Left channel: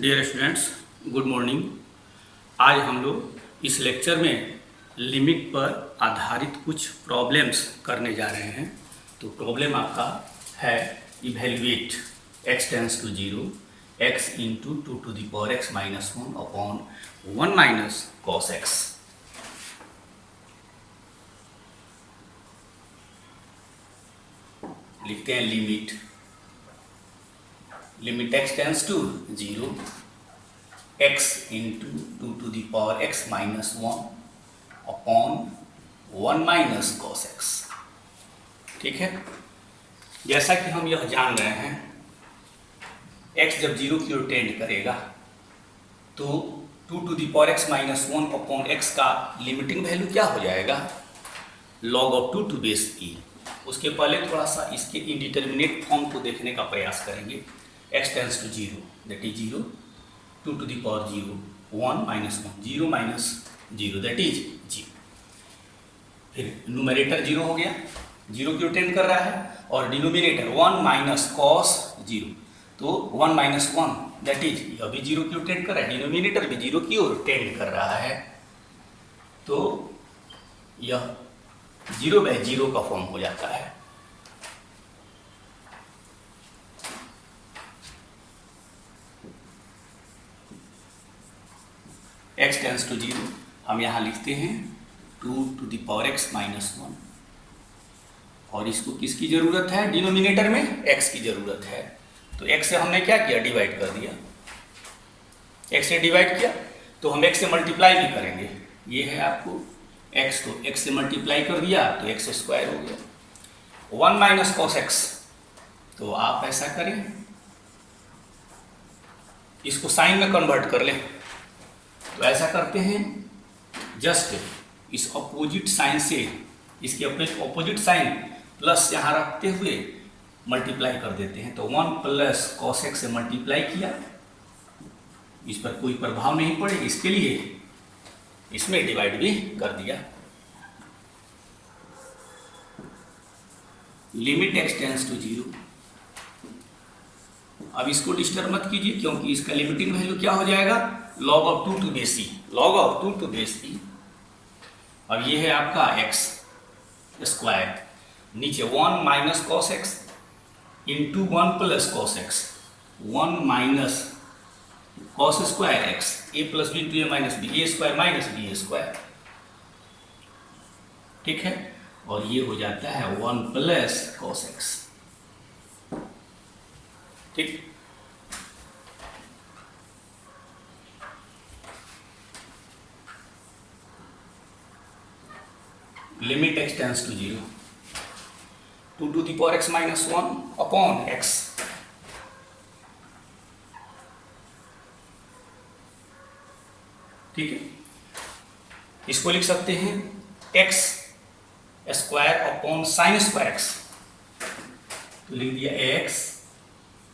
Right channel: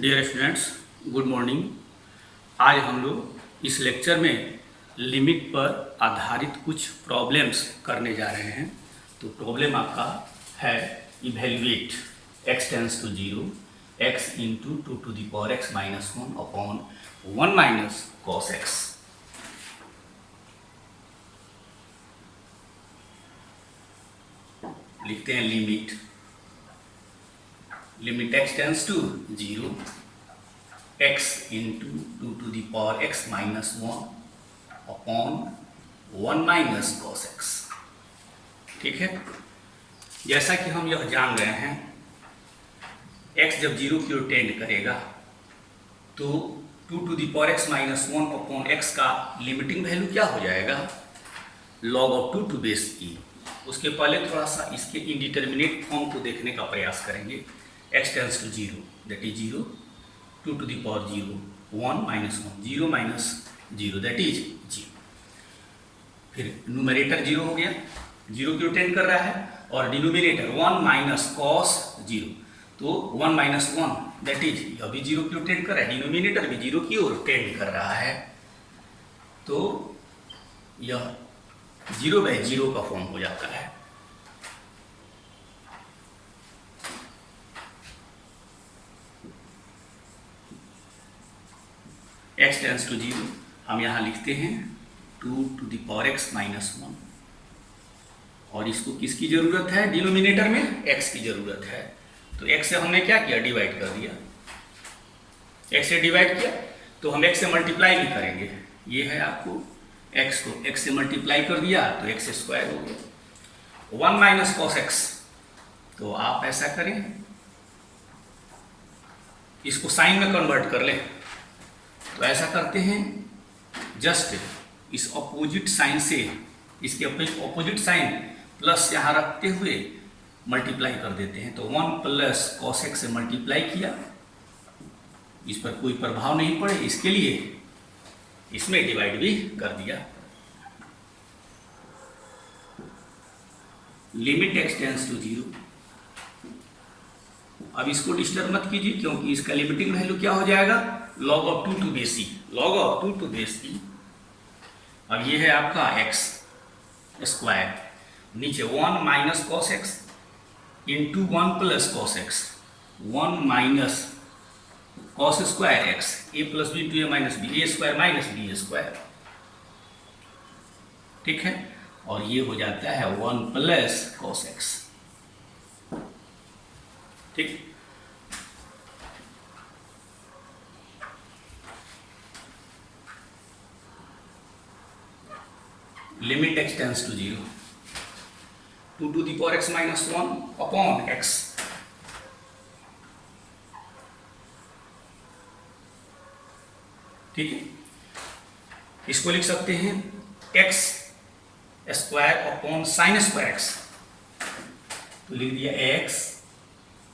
Dear students, good morning. आज हम लोग इस लेक्चर में लिमिट पर आधारित कुछ प्रॉब्लम्स करने जा रहे हैं। तो प्रॉब्लम आपका है evaluate x tends to 0 x into 2 to the power x minus 1 upon 1 minus cos x। लिखते हैं limit x tends to 0 x into 2 to the power x minus 1 upon 1 minus cos x। ठीक है, जैसा कि हम यह जान रहे हैं x जब 0 की ओर टेंड करेगा तो 2 to the power x minus 1 upon x का लिमिटिंग वैल्यू क्या हो जाएगा? log of 2 to base e। उसके पहले थोड़ा सा इसके इंडिटरमिनेट फॉर्म को देखने का प्रयास करेंगे। x tends to 0 that is 0, 2 to the power 0, 1 minus 1, 0 minus 0 that is 0। फिर न्यूमरेटर 0 हो गया, 0 की ओर टेंड कर रहा है, और डिनोमिनेटर 1 माइनस कॉस 0, तो 1 माइनस 1 दैट इज अभी 0 की ओर टेंड कर रहा है, डिनोमिनेटर भी 0 की ओर टेंड कर रहा है, तो यह 0/0 का फॉर्म हो जाता है। x टेंस टू 0 हम यहाँ लिखते हैं 2 to the power x minus 1, और इसको किसकी जरूरत है? डिनोमिनेटर में x की जरूरत है, तो x से हमने क्या किया? डिवाइड कर दिया। x से डिवाइड किया तो हम x से मल्टीप्लाई भी करेंगे। ये है आपको x को x से मल्टीप्लाई कर दिया तो x स्क्वायर हो गया। 1 माइनस कॉस x, तो आप ऐसा करें इसको साइन में कन्वर्ट कर लें। तो ऐसा करते हैं, जस्ट इस अपोजिट साइन से इसके अपोजिट साइन प्लस यहाँ रखते हुए मल्टीप्लाई कर देते हैं। तो 1 प्लस कॉस x से मल्टीप्लाई किया, इस पर कोई प्रभाव नहीं पड़े इसके लिए इसमें डिवाइड भी कर दिया। Limit x tends to 0। अब इसको डिस्टर्ब मत कीजिए क्योंकि इसका लिमिटिंग वैल्यू क्या हो जाएगा? log of 2 to base e, log of 2 to base e। अब ये है आपका x स्क्वायर, नीचे 1 minus cos x into 1 plus cos x, 1 minus cos square x, a plus b to a minus b, a square minus b square. ठीक है, और ये हो जाता है 1 प्लस कॉस x। ठीक, limit x tends to 0, 2 to the power x minus 1 upon x। ठीक है, इसको लिख सकते हैं x square upon sine square x, तो लिख दिया x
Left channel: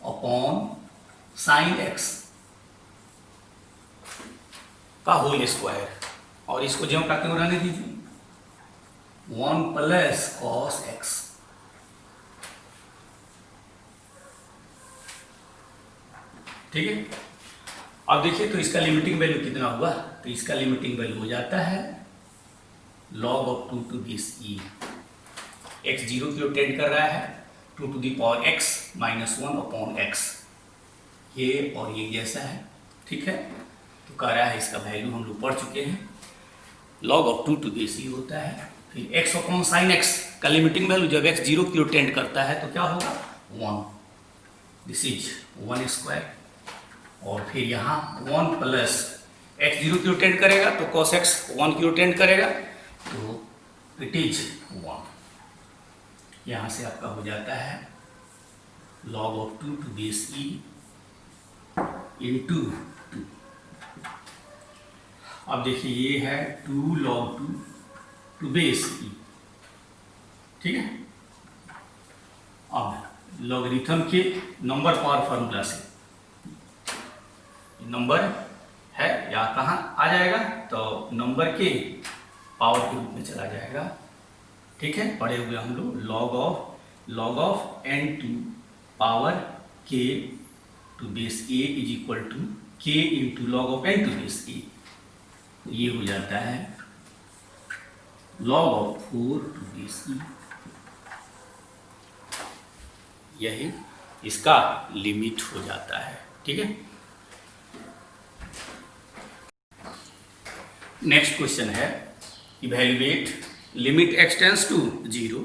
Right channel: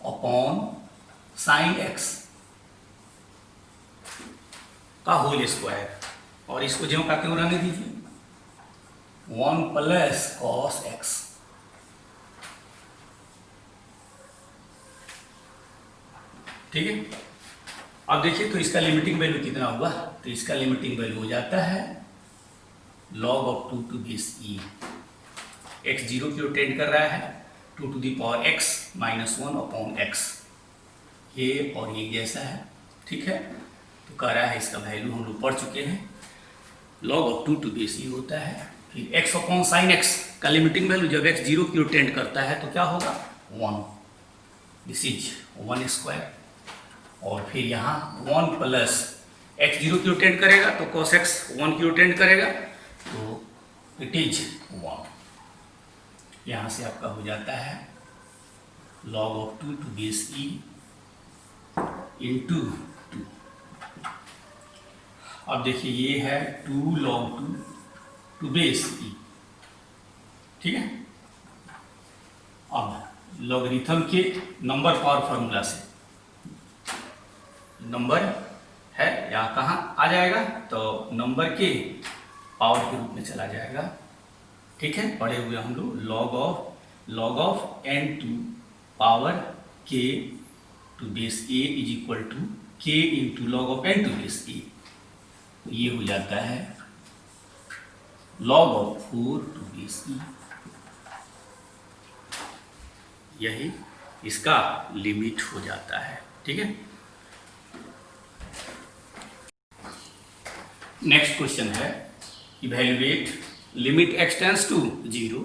अपॉन साइन x का होल स्क्वायर, और इसको ज्यों का त्यों रहने दीजिए, 1 प्लस कॉस x। ठीक है, अब देखिए तो इसका लिमिटिंग वैल्यू कितना हुआ? तो इसका लिमिटिंग वैल्यू हो जाता है log of 2 to base e। x 0 की ओर टेंड कर रहा है, 2 to the power x minus 1 upon x, ये और ये जैसा है। ठीक है, तो कह रहा है इसका वैल्यू हम लोग पढ़ चुके हैं, log of 2 to base e होता है। फिर x अपॉन साइन x का लिमिटिंग वैल्यू जब x 0 की ओर टेंड करता है तो क्या होगा? 1, दिस इज 1 स्क्वायर, और फिर यहाँ 1 प्लस x 0 की ओर टेंड करेगा तो cos x 1 की ओर टेंड करेगा तो इट इज 1। यहाँ से आपका हो जाता है log of 2 to base e into 2। अब देखिए ये है 2 log 2 to base e। ठीक है, अब लॉगरिथम के नंबर पावर फॉर्मूला से नंबर है यहाँ कहाँ आ जाएगा? तो नंबर के पावर के रूप में चला जाएगा। ठीक है, पढ़े हुए हम लोग log of n to power k to base a is equal to k into log of n to base e, ये हो जाता है log of 4 to base e। यही इसका लिमिट हो जाता है। ठीक है, नेक्स्ट क्वेश्चन है evaluate limit x tends to 0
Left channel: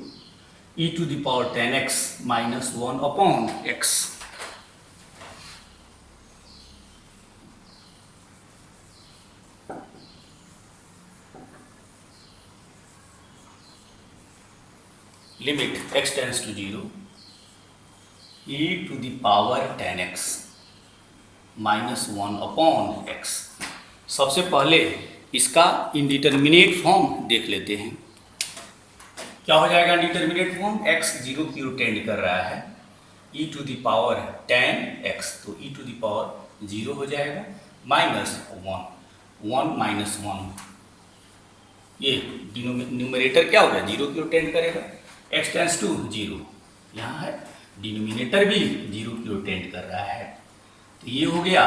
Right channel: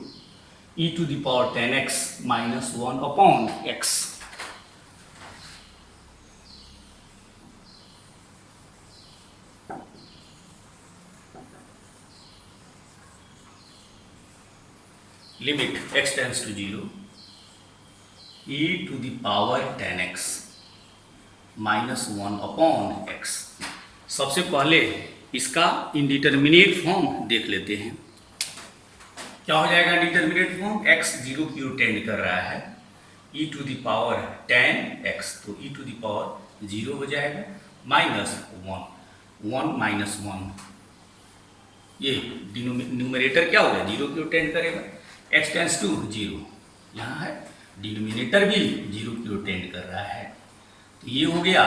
e to the power 10x minus 1 upon x। Limit x tends to 0 e to the power 10x minus 1 upon x। सबसे पहले इसका इंडिटरमिनेट फॉर्म देख लेते हैं। क्या हो जाएगा इंडिटरमिनेट फॉर्म? x 0 की ओर टेंड कर रहा है, e to the power 10x, तो e टू द पावर 0 हो जाएगा, माइनस 1 माइनस 1, ये न्यूमरेटर क्या हो गया? 0 की ओर टेंड करेगा। x टेंस टू 0, यहाँ है डिनोमिनेटर भी 0 की ओर टेंड कर रहा है, तो ये हो गया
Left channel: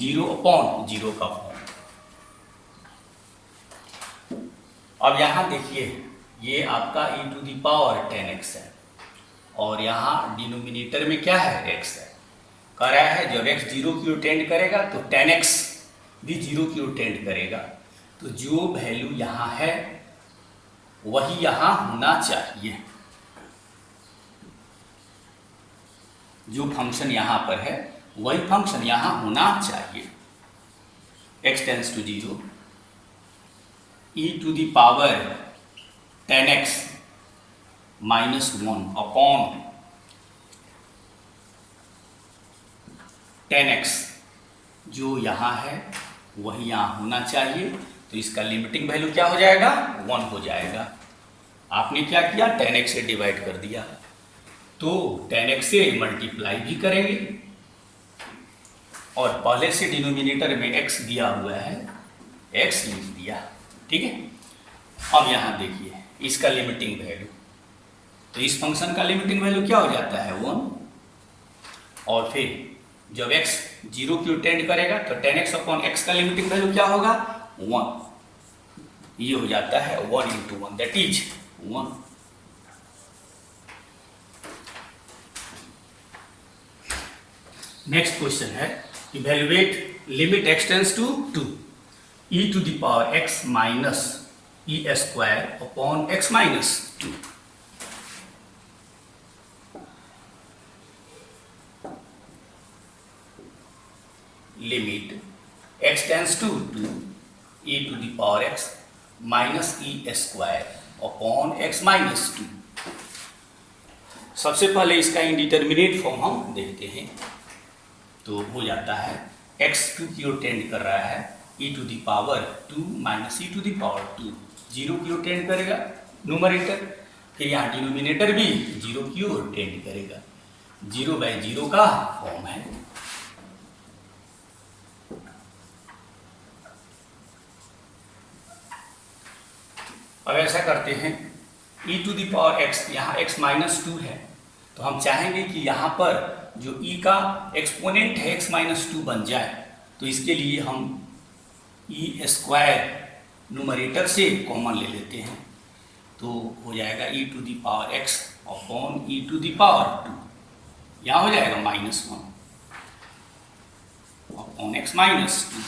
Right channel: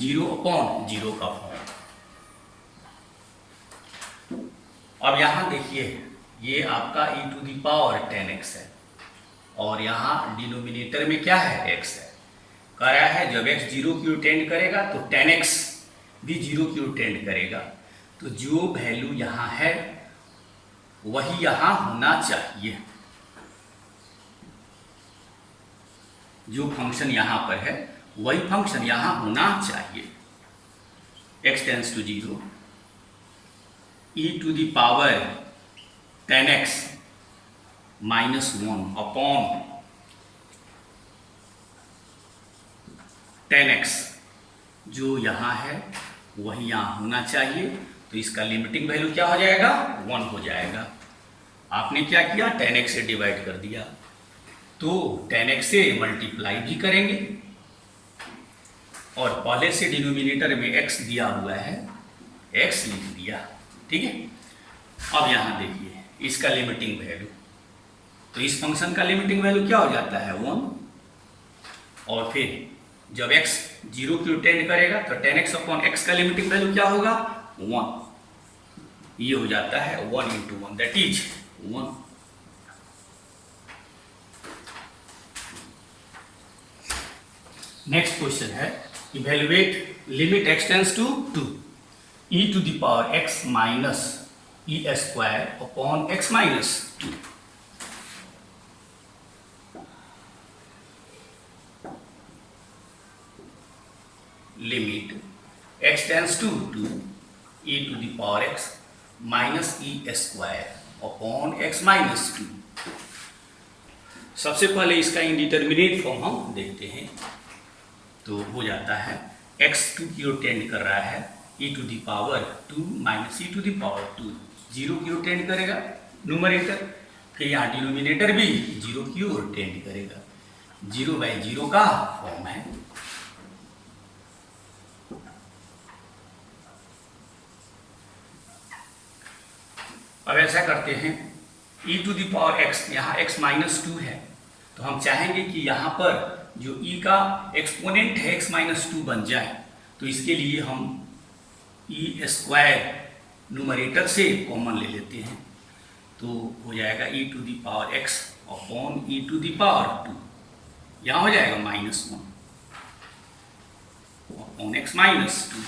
0 अपॉन 0 का फॉर्म। अब यहाँ देखिए, ये आपका e to the power 10x है और यहाँ डिनोमिनेटर में क्या है? x है। कह रहा है जब x 0 की ओर टेंड करेगा तो 10x भी 0 की ओर टेंड करेगा, तो जो वैल्यू यहाँ है वही यहाँ होना चाहिए। जो फंक्शन यहाँ पर है वही फंक्शन यहाँ होना चाहिए। x tends to 0 e to the power 10x minus 1 upon 10x, जो यहाँ है वही यहाँ होना चाहिए, तो इसका लिमिटिंग वैल्यू क्या हो जाएगा? 1 हो जाएगा। आपने क्या किया? 10x से डिवाइड कर दिया, तो 10x से मल्टीप्लाई भी करेंगे और पहले से डिनोमिनेटर में x दिया हुआ है, x लिख दिया। ठीक है, अब यहाँ देखिए इसका लिमिटिंग वैल्यू, तो इस फंक्शन का लिमिटिंग वैल्यू क्या हो जाता है? 1। और फिर जब x 0 की ओर टेंड करेगा तो 10x अपॉन x का लिमिटिंग वैल्यू क्या होगा? 1। ये हो जाता है 1 into 1, that is 1। Next question है evaluate limit x tends to 2 e to the power x minus e square upon x minus 2। Limit x tends to 2 e to the power x minus e square upon x minus 2। सबसे पहले इसका indeterminate form हम देखते हैं, तो हो जाता है x 2 की ओर टेंड कर रहा है, e to the power 2 minus e to the power 2, 0 की ओर टेंड करेगा न्यूमरेटर, फिर यहाँ डिनोमिनेटर भी 0 की ओर टेंड करेगा। 0/0 का फॉर्म है। अब ऐसा करते हैं, e to the power x, यहाँ x माइनस 2 है, तो हम चाहेंगे कि यहाँ पर जो e का एक्सपोनेंट है x माइनस 2 बन जाए, तो इसके लिए हम e स्क्वायर न्यूमरेटर से कॉमन ले लेते हैं, तो हो जाएगा e to the power x upon e to the power 2, यहाँ हो जाएगा minus 1 upon x minus 2।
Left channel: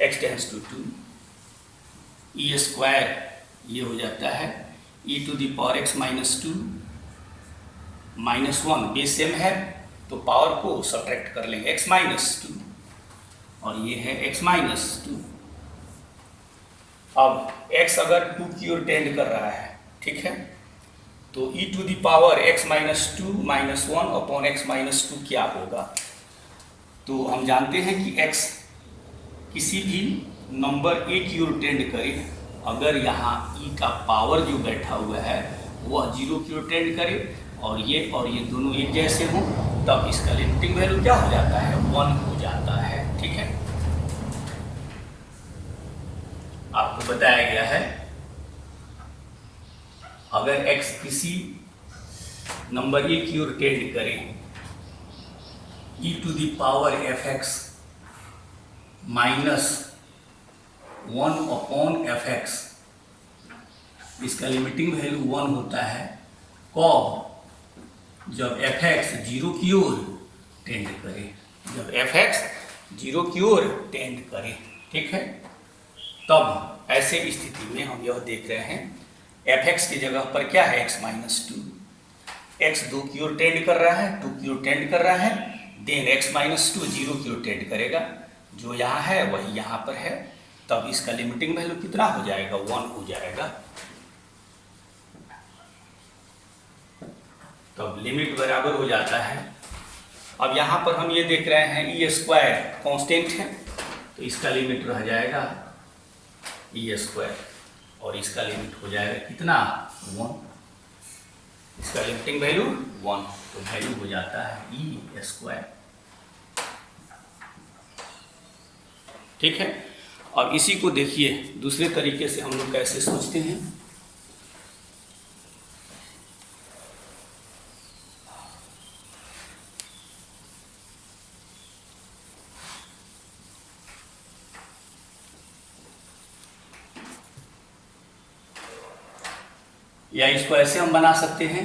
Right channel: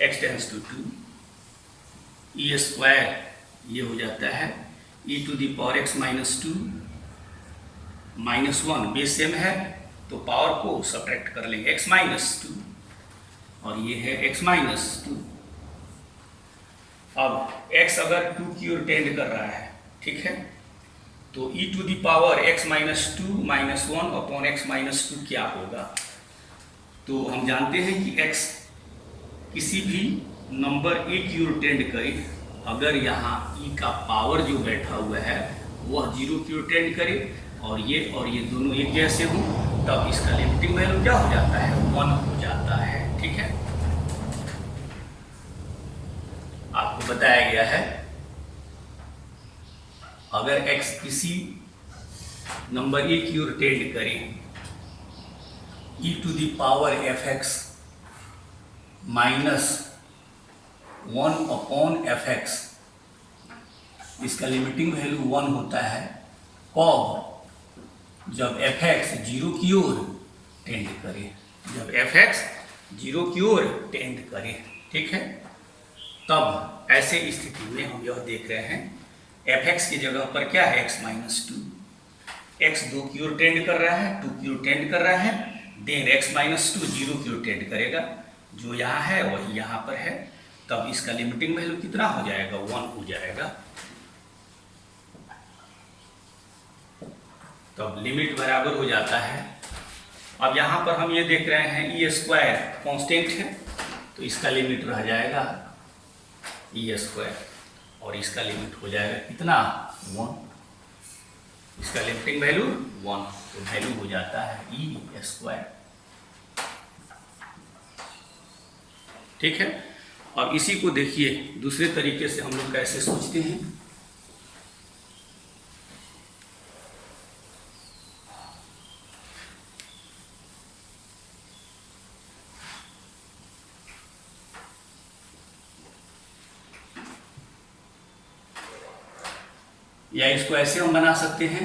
x tends to 2 e square, ये हो जाता है e to the power x minus 2 minus 1, base same है तो पावर को सब्ट्रैक्ट कर लेंगे, x माइनस 2 और ये है x माइनस 2। अब x अगर 2 की ओर टेंड कर रहा है, ठीक है, तो e to the power x minus 2 minus 1 upon x minus 2 क्या होगा? तो हम जानते हैं कि x किसी भी नंबर a की ओर टेंड करे, अगर यहाँ e का पावर जो बैठा हुआ है वह 0 की ओर टेंड करे और ये दोनों एक जैसे हों, तब इसका लिमिटिंग वैल्यू क्या हो जाता है? 1 हो जाता है। ठीक है, आपको बताया गया है अगर x किसी नंबर ए की ओर टेंड करे, e to the power f x minus 1 upon f x, इसका लिमिटिंग वैल्यू 1 होता है कब, जब एफ एक्स जीरो की ओर टेंड करे, जब एफ एक्स जीरो की ओर टेंड करे, ठीक है। तब ऐसे स्थिति में हम यह देख रहे हैं एफ एक्स की जगह पर क्या है x माइनस 2, एक्स 2 की ओर टेंड कर रहा है, 2 की ओर टेंड कर रहा है, देन x माइनस 2 जीरो की ओर टेंड करेगा, जो यहाँ है वही यहाँ पर है, तब इसका लिमिटिंग वैल्यू कितना हो जाएगा, 1 हो जाएगा। तब लिमिट बराबर हो जाता है। अब यहाँ पर हम ये देख रहे हैं ई स्क्वायर कॉन्स्टेंट है, तो इसका लिमिट रह जाएगा ई स्क्वायर, और इसका लिमिट हो जाएगा कितना, 1, इसका लिमिटिंग वैल्यू 1, तो वैल्यू हो जाता है ई स्क्वायर, ठीक है। अब इसी को देखिए दूसरे तरीके से हम लोग कैसे सोचते हैं। या इसको ऐसे हम बना सकते हैं,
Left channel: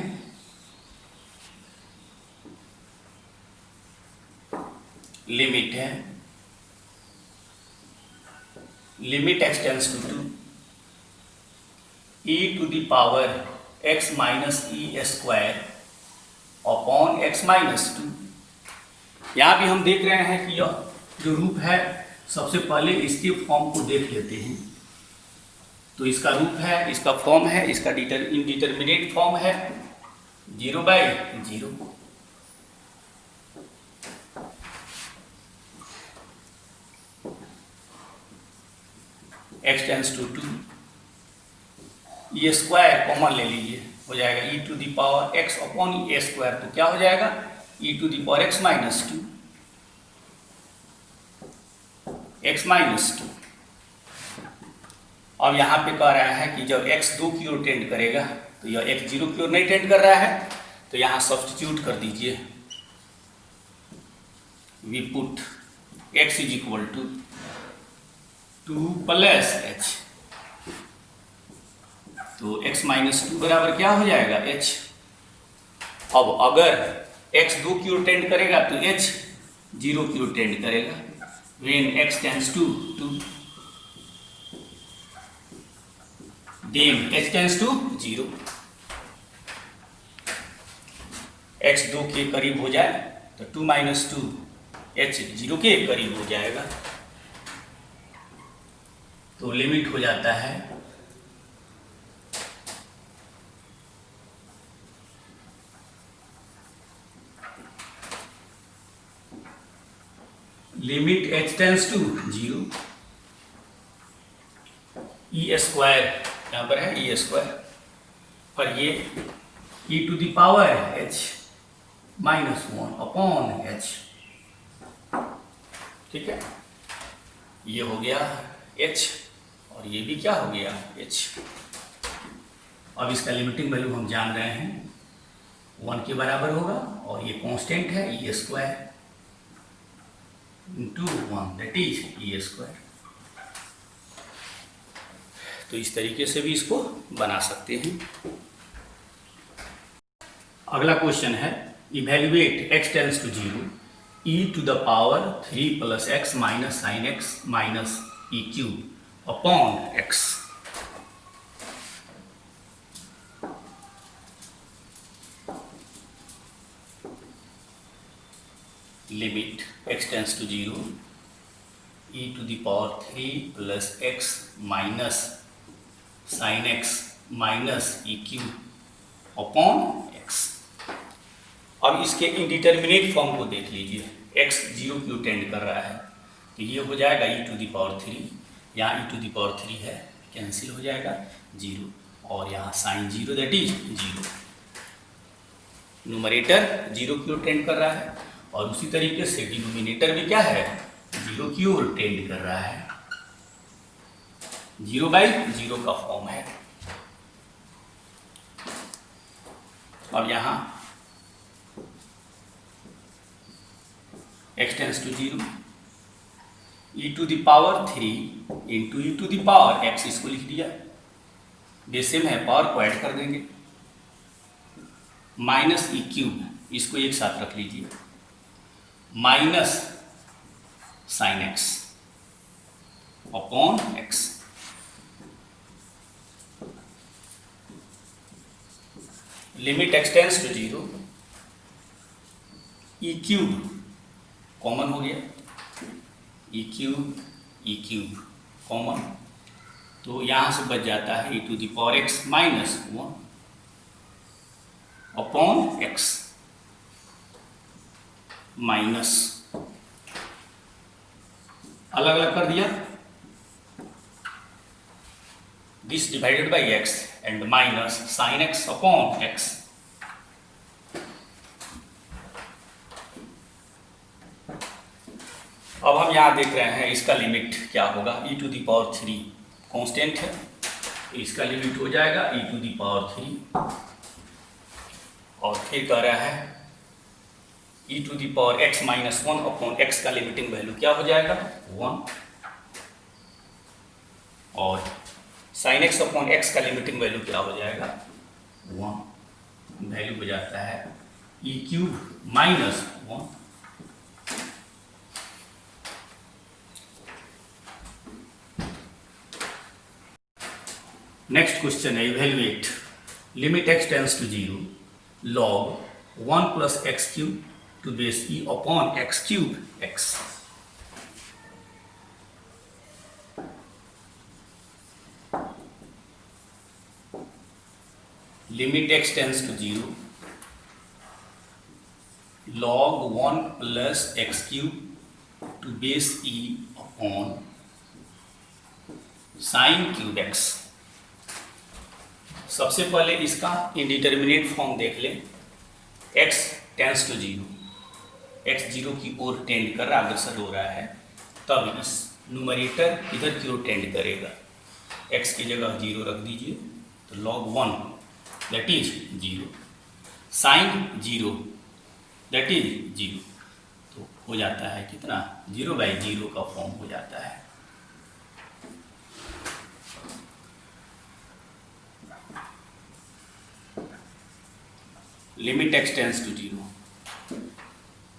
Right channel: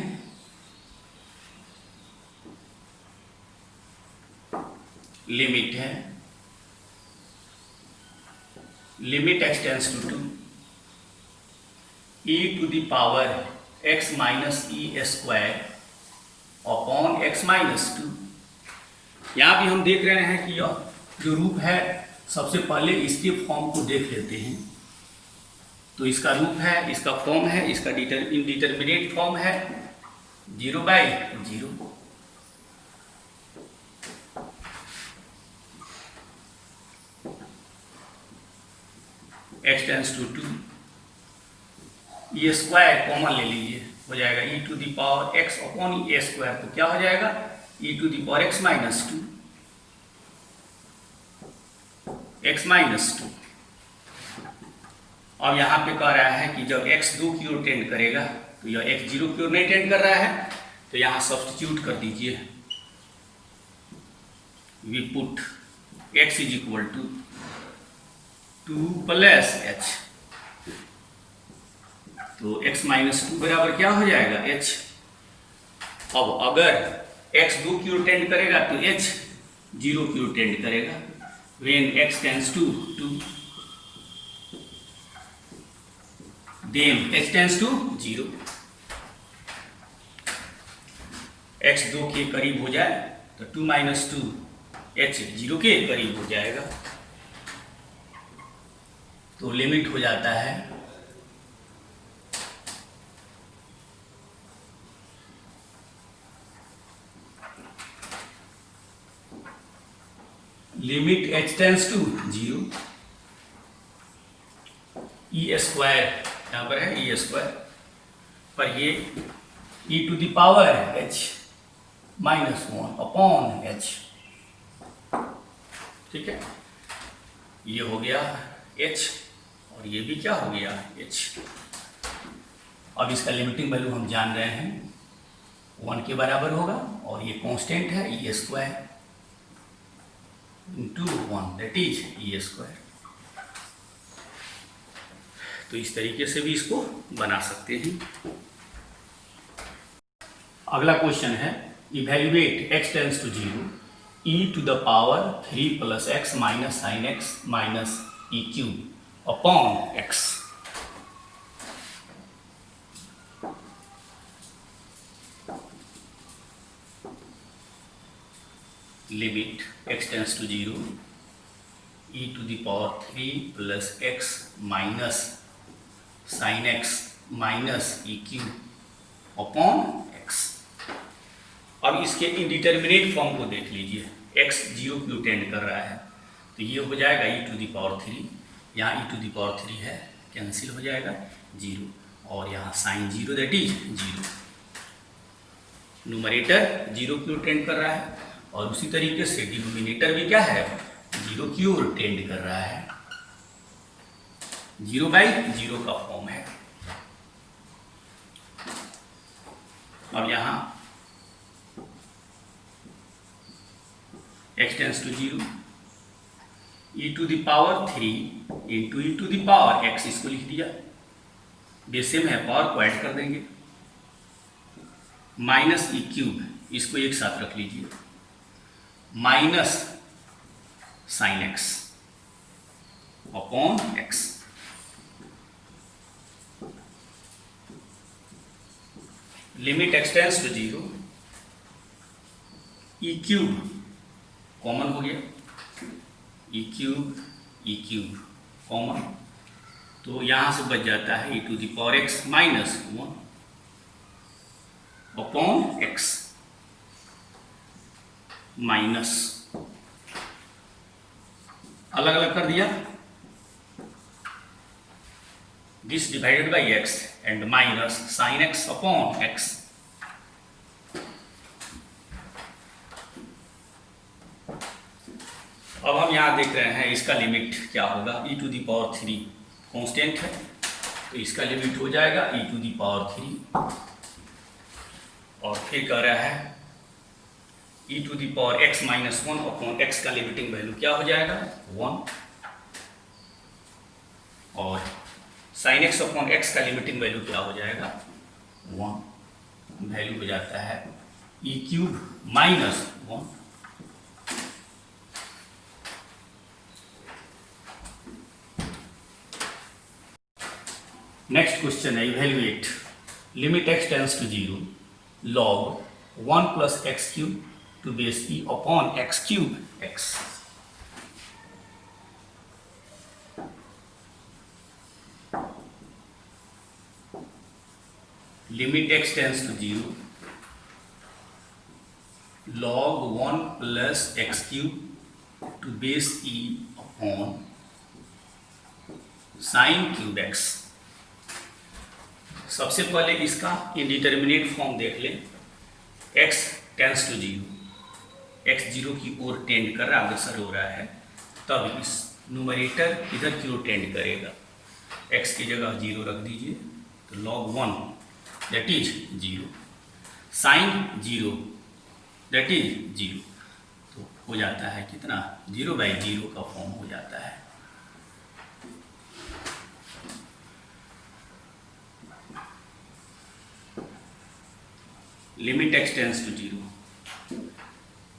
लिमिट है, limit x tends to 2 e to the power x minus e square upon x minus 2। यहाँ भी हम देख रहे हैं कि यह जो रूप है, सबसे पहले इसके फॉर्म को देख लेते हैं। तो इसका रूप है, इसका फॉर्म है, इसका इंडिटरमिनेट फॉर्म है 0/0, x टेंस टू 2, ये स्क्वायर कॉमन ले लीजिए, हो जाएगा e to the power x upon a square, तो क्या हो जाएगा e to the power x minus 2, x minus 2। अब यहाँ पे कह रहा है कि जब x 2 की ओर टेंड करेगा, तो यह x 0 की ओर नहीं टेंड कर रहा है, तो यहाँ सब्स्टिट्यूट कर दीजिए, we put x is equal to 2 plus h, तो x माइनस 2 बराबर क्या हो जाएगा, h। अब अगर x 2 की ओर टेंड करेगा तो h 0 की ओर टेंड करेगा, when x tends to 2, then h tends to 0, x 2 के करीब हो जाए तो 2 माइनस 2 h 0 के करीब हो जाएगा, तो लिमिट हो जाता है limit h tends to 0, e square यहाँ पर है ई स्क्वायर, और ये e to the power h minus 1 upon h, ठीक है। ये हो गया h और ये भी क्या हो गया h। अब इसका लिमिटिंग वैल्यू हम जान रहे हैं 1 के बराबर होगा, और ये कांस्टेंट है e square into 1, that is e square. तो इस तरीके से भी इसको बना सकते हैं। अगला क्वेश्चन है evaluate x tends to 0 e to the power 3 plus x minus sine x minus e cube upon x। Limit x tends to 0 e to the power 3 plus x minus sine x minus e cube upon x। अब इसके indeterminate form को देख लीजिए, x 0 की ओर tend कर रहा है, तो ये हो जाएगा e टू द पावर 3, यहाँ e टू द पावर 3 है, कैंसिल हो जाएगा 0, और यहाँ साइन 0 दैट इज 0। न्यूमरेटर 0 की ओर टेंड कर रहा है, और उसी तरीके से डिनोमिनेटर भी क्या है 0 की ओर टेंड कर रहा है, 0/0 का फॉर्म है। अब यहाँ x tends to 0, e to the power 3 into e to the power x, इसको लिख दिया, बेस सेम है, पावर को ऐड कर देंगे, माइनस ई क्यूब, इसको एक साथ रख लीजिए, minus sine x upon x. Limit x tends to 0, e cube common हो गया, ई क्यूब कॉमन, तो यहां से बच जाता है e to the power x minus 1 upon x, minus अलग अलग कर दिया, this divided by x and minus sine x upon x. अब हम यहां देख रहे हैं इसका लिमिट क्या होगा, ई टू द पावर 3 कांस्टेंट है, तो इसका लिमिट हो जाएगा ई टू द पावर 3, और फिर कह रहा है e to the power x minus 1 upon x का लिमिटिंग वैल्यू क्या हो जाएगा 1, और साइन एक्स अपॉन एक्स का लिमिटिंग वैल्यू क्या हो जाएगा 1, वैल्यू हो जाता है e cube minus 1। Next question है evaluate limit x tends to 0 log 1 plus x cube to base e upon x cube x. Limit x tends to 0 log 1 plus x cube to base e upon sine cube x. सबसे पहले इसका indeterminate form देख ले, x tends to 0, x 0 की ओर tend कर रहा है, अग्रसर हो रहा है, तब इस न्यूमरेटर इधर की ओर टेंड करेगा, x की जगह 0 रख दीजिए, तो log 1 that is 0, sine 0 that is 0, तो हो जाता है कितना 0/0 का फॉर्म हो जाता है। लिमिट एक्स टेंस टू 0,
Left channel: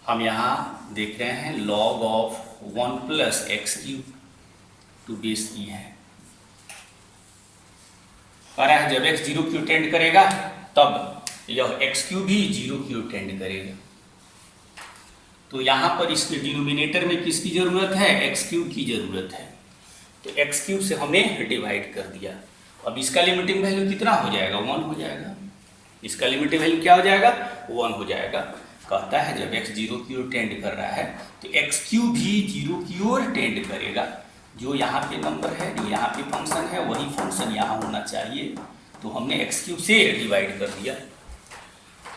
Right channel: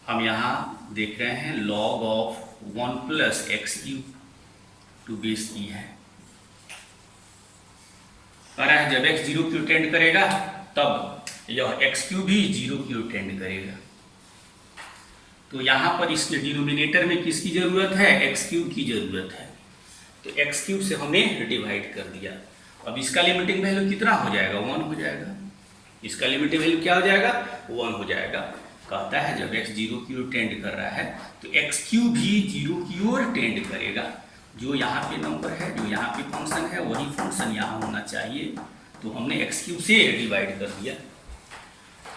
हम यहाँ देख रहे हैं log of 1 plus x cube to base e है, कह रहा है जब x 0 की ओर टेंड करेगा तब यह x क्यूब भी 0 की ओर टेंड करेगा, तो यहाँ पर इसके डिनोमिनेटर में किसकी जरूरत है, x क्यूब की जरूरत है, तो x क्यूब से हमने डिवाइड कर दिया। अब इसका लिमिटिंग वैल्यू कितना हो जाएगा 1 हो जाएगा, इसका लिमिटिंग वैल्यू क्या हो जाएगा 1 हो जाएगा। कहता है जब x 0 की ओर टेंड कर रहा है तो x क्यूब भी 0 की ओर टेंड करेगा, जो यहाँ पे नंबर है, जो यहाँ पे फंक्शन है, वही फंक्शन यहाँ होना चाहिए, तो हमने x क्यूब से डिवाइड कर दिया।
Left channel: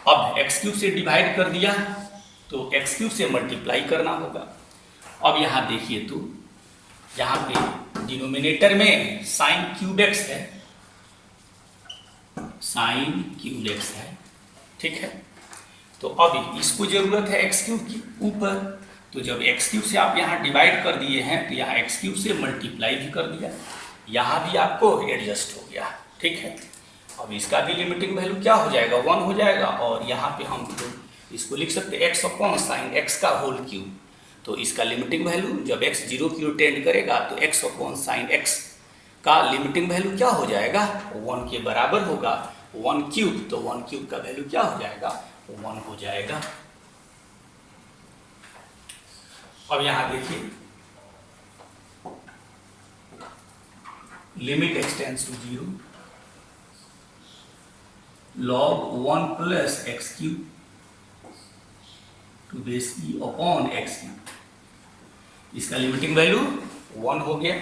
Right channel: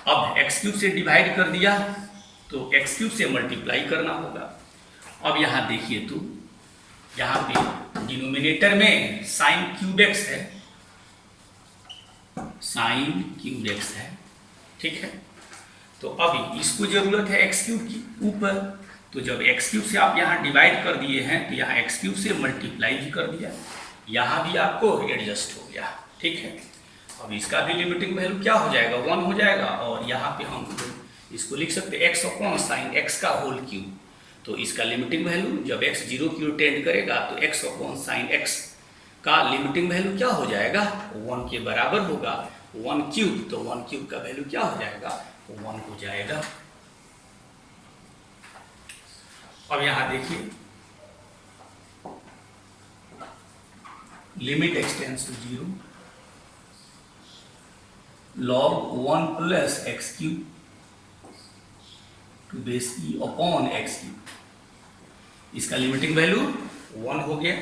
अब x क्यूब से डिवाइड कर दिया तो x क्यूब से मल्टीप्लाई करना होगा। अब यहाँ देखिए तो यहाँ पे डिनोमिनेटर में साइन क्यूब एक्स है, साइन क्यूब एक्स है, ठीक है, तो अब इसको जरूरत है एक्स क्यूब की ऊपर, तो जब एक्स क्यूब से आप यहाँ डिवाइड कर दिए हैं तो यहाँ एक्स क्यूब से मल्टीप्लाई भी कर दिया, यहाँ भी आपको एडजस्ट हो गया, ठीक है। अब इसका भी लिमिटिंग वैल्यू क्या हो जाएगा 1 हो जाएगा, और यहाँ पे हम इसको लिख सकते हैं एक्स अपॉन साइन एक्स का होल क्यूब, तो इसका लिमिटिंग वैल्यू जब एक्स 0 की ओर टेंड करेगा तो एक्स अपॉन साइन एक्स का लिमिटिंग वैल्यू क्या हो जाएगा 1 के बराबर होगा, 1 क्यूब, तो 1 क्यूब का वैल्यू क्या हो जाएगा 1 हो जाएगा। अब यहां देखिए limit x tends to 0 log 1 plus x cube to base e upon x cube, इसका लिमिटिंग वैल्यू 1 हो गया,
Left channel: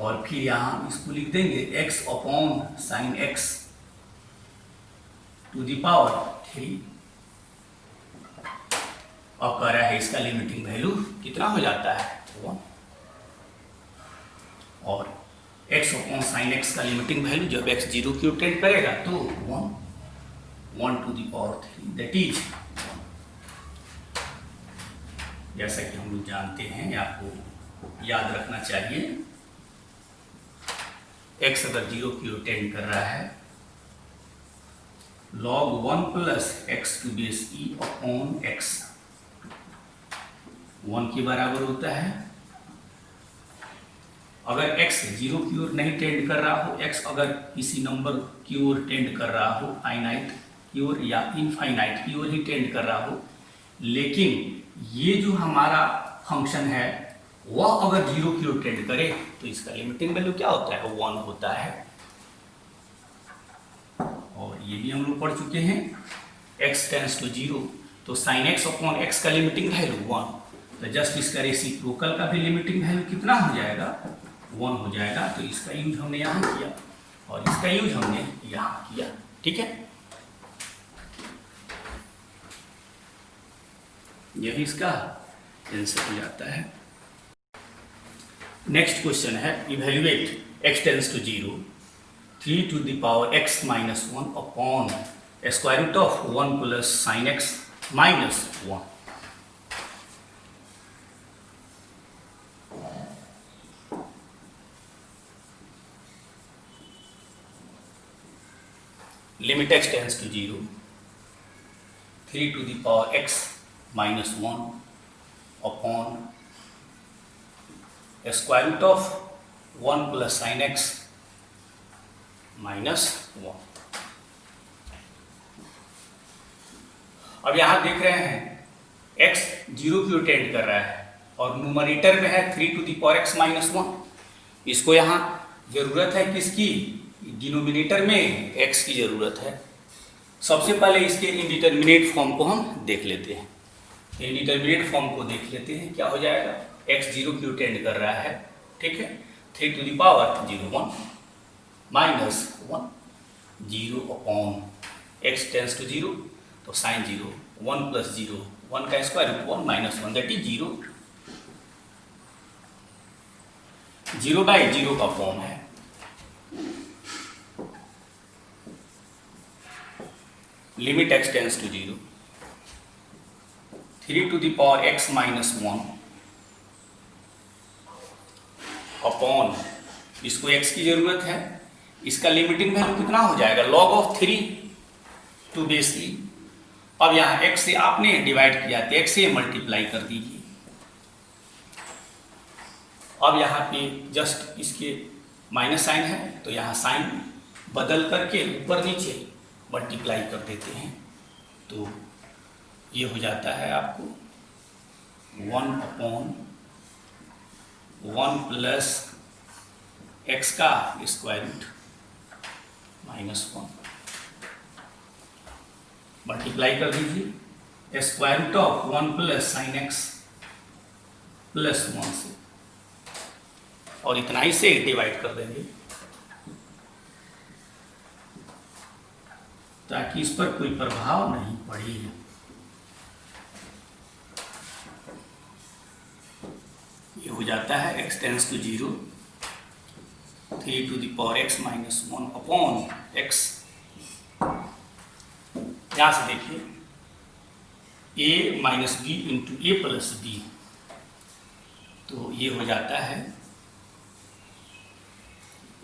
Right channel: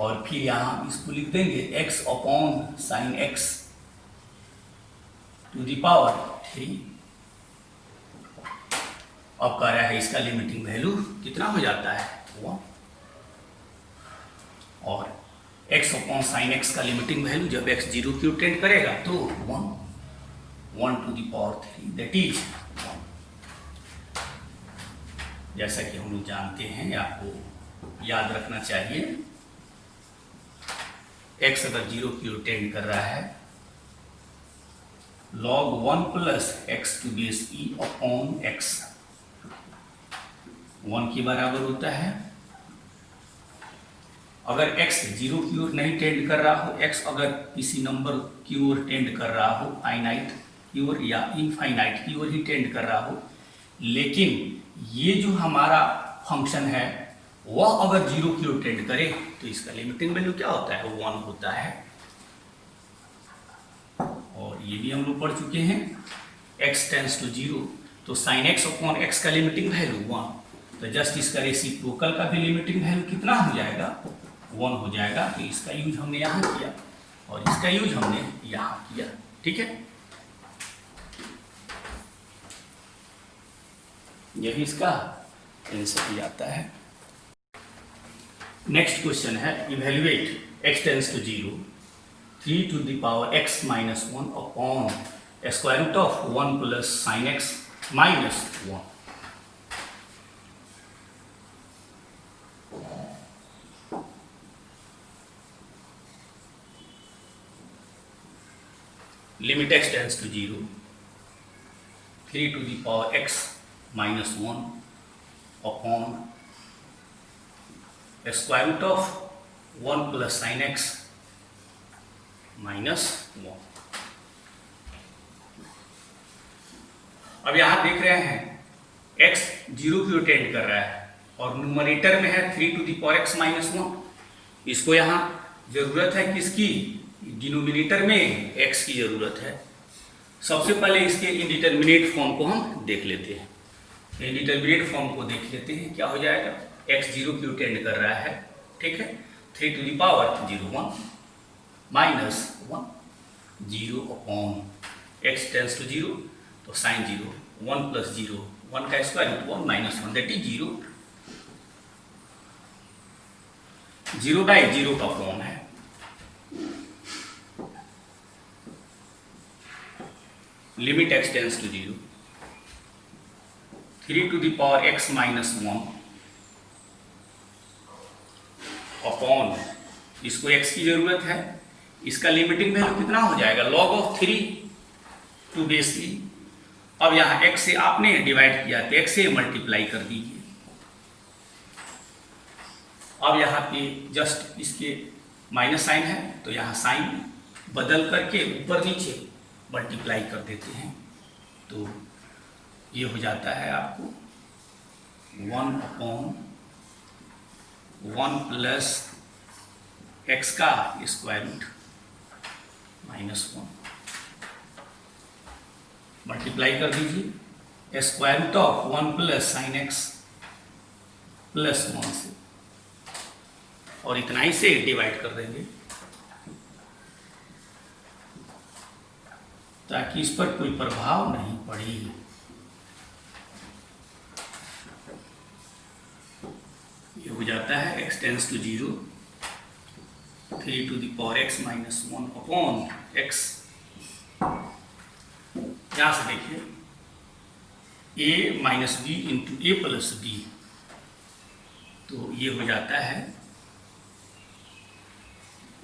और फिर यहां इसको लिख देंगे x अपॉन sine x to the power 3। अब कह रहा है इसका लिमिटिंग वैल्यू कितना हो जाता है 1, और x अपॉन साइन एक्स का लिमिटिंग वैल्यू जब x 0 की ओर टेंड करेगा तो 1 to the power 3 that is 1। जैसा कि हम लोग जानते हैं, आपको याद रखना चाहिए, x अगर 0 की ओर टेंड कर रहा है, log 1 plus x to base e upon x 1 के बराबर होता है। अगर x 0 की ओर नहीं टेंड कर रहा हो, x अगर किसी नंबर की ओर टेंड कर रहा हो, फाइनाइट की ओर या इनफाइनाइट की ओर ही टेंड कर रहा हो, लेकिन ये जो हमारा फंक्शन है वह अगर 0 की ओर टेंड करे तो इसका लिमिटिंग वैल्यू क्या होता है? 1 होता है। और ये भी हम लोग पढ़ चुके हैं, x टेंड्स टू 0, तो sin x अपॉन x का लिमिटिंग वैल्यू 1, तो जस्ट इसका रेसिप्रोकल का भी लिमिटिंग वैल्यू कितना हो जाएगा? 1 हो जाएगा। तो इसका यूज हमने यहाँ किया और इसका यूज हमने यहाँ किया, ठीक है। यही इसका आंसर हो जाता है। नेक्स्ट क्वेश्चन है, evaluate x tends to 0 3 to the power x minus 1 upon square root of 1 plus sin x minus 1. Limit x tends to 0, 3 to the power x minus 1 upon square root of 1 plus sin x minus 1. अब यहां देख रहे हैं x 0 की ओर tend कर रहा है और न्यूमरेटर में है 3 to the power x minus 1। इसको यहां जरूरत है किसकी? डिनोमिनेटर में x की जरूरत है। सबसे पहले इसके इंडिटरमिनेट फॉर्म को हम देख लेते हैं। तो इंडिटरमिनेट फॉर्म को देख लेते हैं, क्या हो जाएगा? x 0 की ओर टेंड कर रहा है, ठीक है, 3 to the power 0 1 minus 1 0 upon x tends to 0, तो साइन 0 1 प्लस 0 1 का square root 1 minus 1 that is 0। 0 by 0 का फॉर्म है। Limit x tends to 0, 3 to the power x minus 1 upon, इसको x की जरूरत है, इसका लिमिटिंग वैल्यू कितना हो जाएगा? log of 3 to base e. अब यहाँ x से आपने डिवाइड किया तो x से मल्टीप्लाई कर दीजिए। अब यहाँ पे जस्ट इसके माइनस साइन है, तो यहाँ साइन बदल करके ऊपर नीचे मल्टीप्लाई कर देते हैं, तो ये हो जाता है आपको 1 अपॉन 1 प्लस x का स्क्वायर रूट माइनस 1, मल्टीप्लाई कर दीजिए square root of 1 plus sine x plus 1 से, और इतना ही से डिवाइड कर देंगे ताकि इस पर कोई प्रभाव नहीं पड़े। ये हो जाता है x tends to 0, 3 to the power x minus 1 upon x। यहां से देखिए a minus b into a plus b, तो ये हो जाता है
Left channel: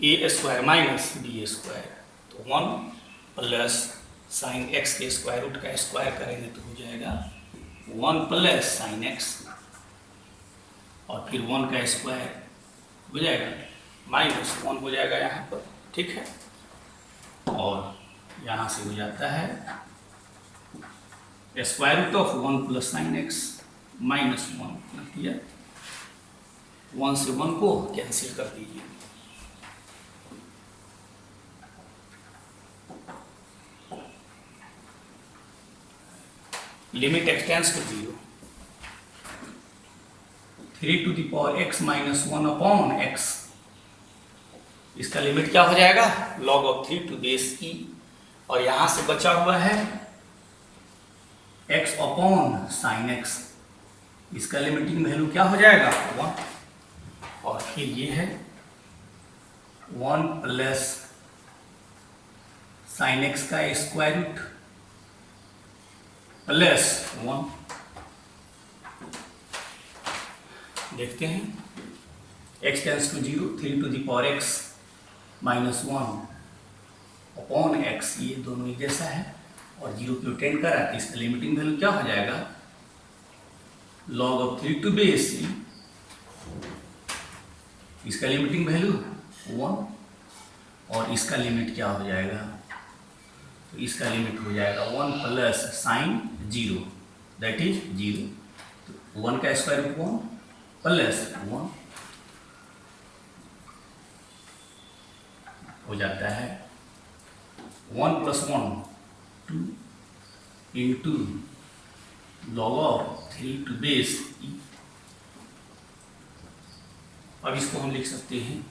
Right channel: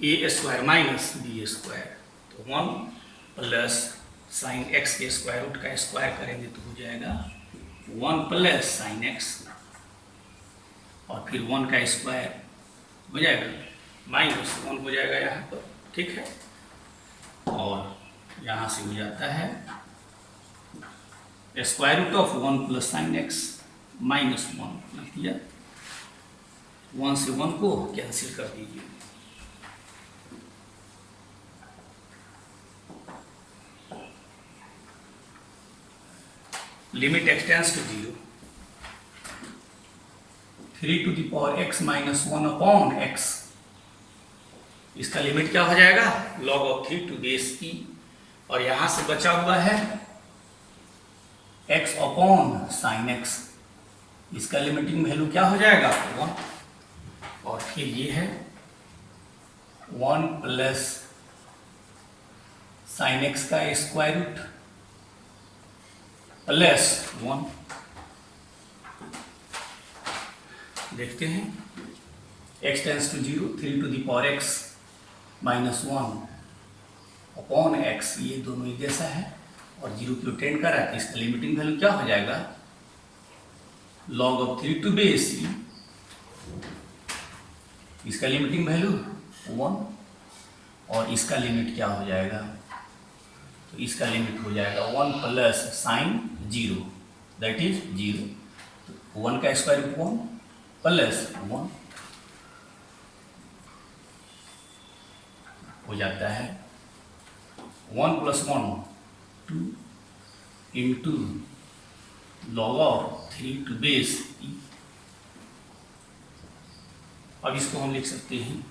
a square minus b square, तो 1 प्लस साइन एक्स के स्क्वायर रूट का स्क्वायर करेंगे तो हो जाएगा 1 प्लस साइन एक्स, और फिर 1 का स्क्वायर हो जाएगा माइनस 1 हो जाएगा यहाँ पर, ठीक है। और यहाँ से हो जाता है square root of 1 plus sine x minus 1 रख दिया, 1 से 1 को कैंसिल कर दीजिए। Limit x tends to 0, 3 to the power x minus 1 upon x, इसका लिमिट क्या हो जाएगा? log of 3 to base e, और यहां से बचा हुआ है x अपॉन साइन x, इसका लिमिटिंग वैल्यू क्या हो जाएगा? 1, और फिर ये है 1 प्लस साइन x का स्क्वायर रूट प्लस 1, देखते हैं, x tends to 0, 3 to the power x minus 1 upon x, ये दोनों एक जैसा है और 0 की टेंड कर रहा है, तो इसका लिमिटिंग वैल्यू क्या हो जाएगा, log of 3 to base e, इसका लिमिटिंग वैल्यू 1 और इसका लिमिट क्या हो जाएगा, तो इसका लिमिट हो जाएगा 1 प्लस साइन 0 दैट इज 0, तो 1 का स्क्वायर रूट 1 प्लस 1 हो जाता है 1 plus 1 2 into log of 3 to base e। अब इसको हम लिख सकते हैं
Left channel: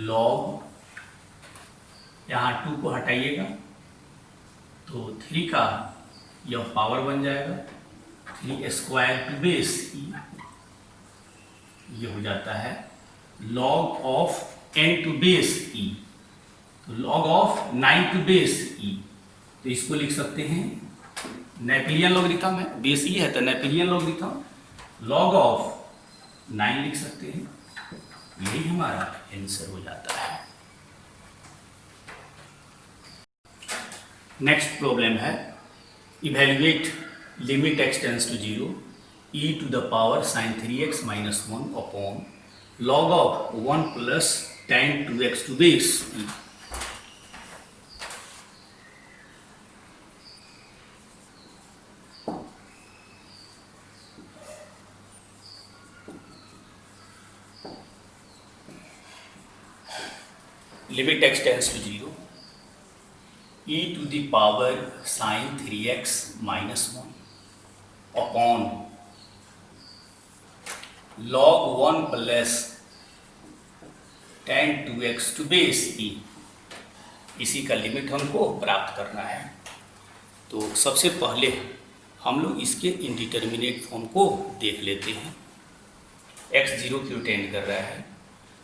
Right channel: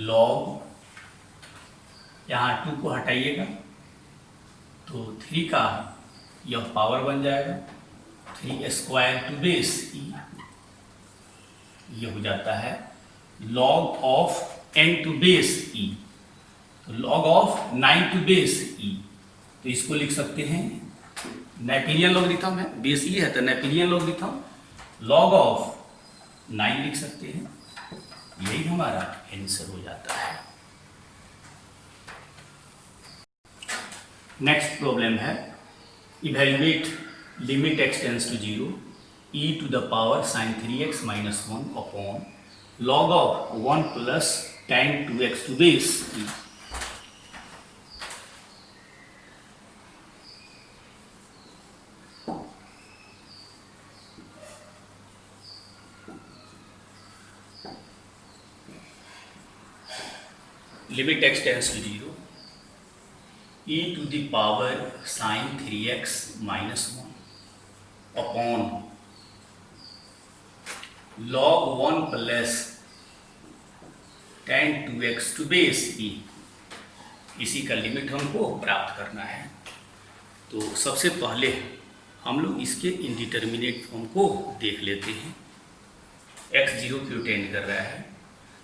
लॉग, यहाँ 2 को हटाइएगा तो 3 का यह पावर बन जाएगा 3 स्क्वायर टू बेस e, ये हो जाता है log of n to base e, तो log of 9 to base e, तो इसको लिख सकते हैं नेपियन लॉगरिथम है, बेस e है तो नेपियन लॉगरिथम, लॉग ऑफ 9 लिख सकते हैं, यही हमारा आंसर हो जाता है। नेक्स्ट प्रॉब्लम है, evaluate limit x tends to 0 e to the power sin 3x minus 1 upon log of 1 plus tan 2x to base e। Limit x tends to 0 e to the power sin 3x minus 1 upon log 1 plus tan 2x to base e, इसी का limit हमको प्राप्त करना है। तो सबसे पहले हम लोग इसके इंडिटर्मिनेट फॉर्म को देख लेते हैं। x 0 की टेंड कर रहा है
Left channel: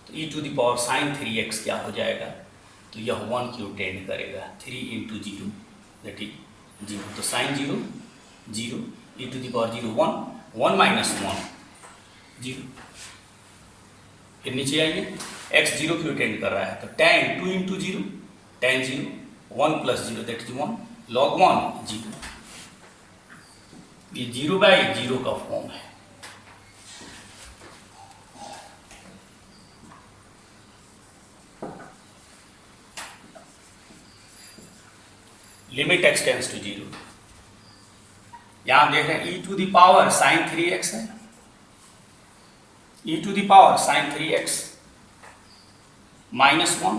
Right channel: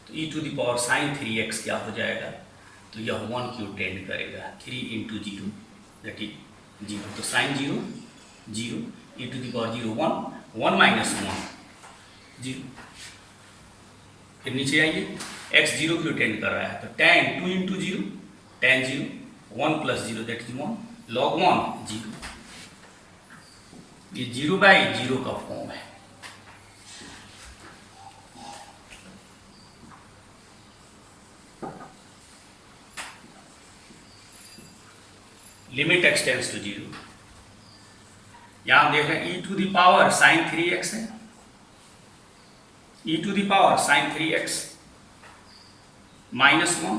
तो e to the power sine 3x क्या हो जाएगा, तो यह 1 की टेंड करेगा, 3 इंटू 0 दैट इज 0, तो sine 0 0 e to the power 0 1 1 minus 1 0, फिर नीचे आइए x 0 की टेंड कर रहा है तो tan 2 into 0 tan 0 1 plus 0 that is 1 log 1 0, ये 0/0 का फॉर्म है। लिमिट x टेंस टू 0, यहां देख रहे हैं e to the power sine 3x है, e to the power sine 3x minus 1,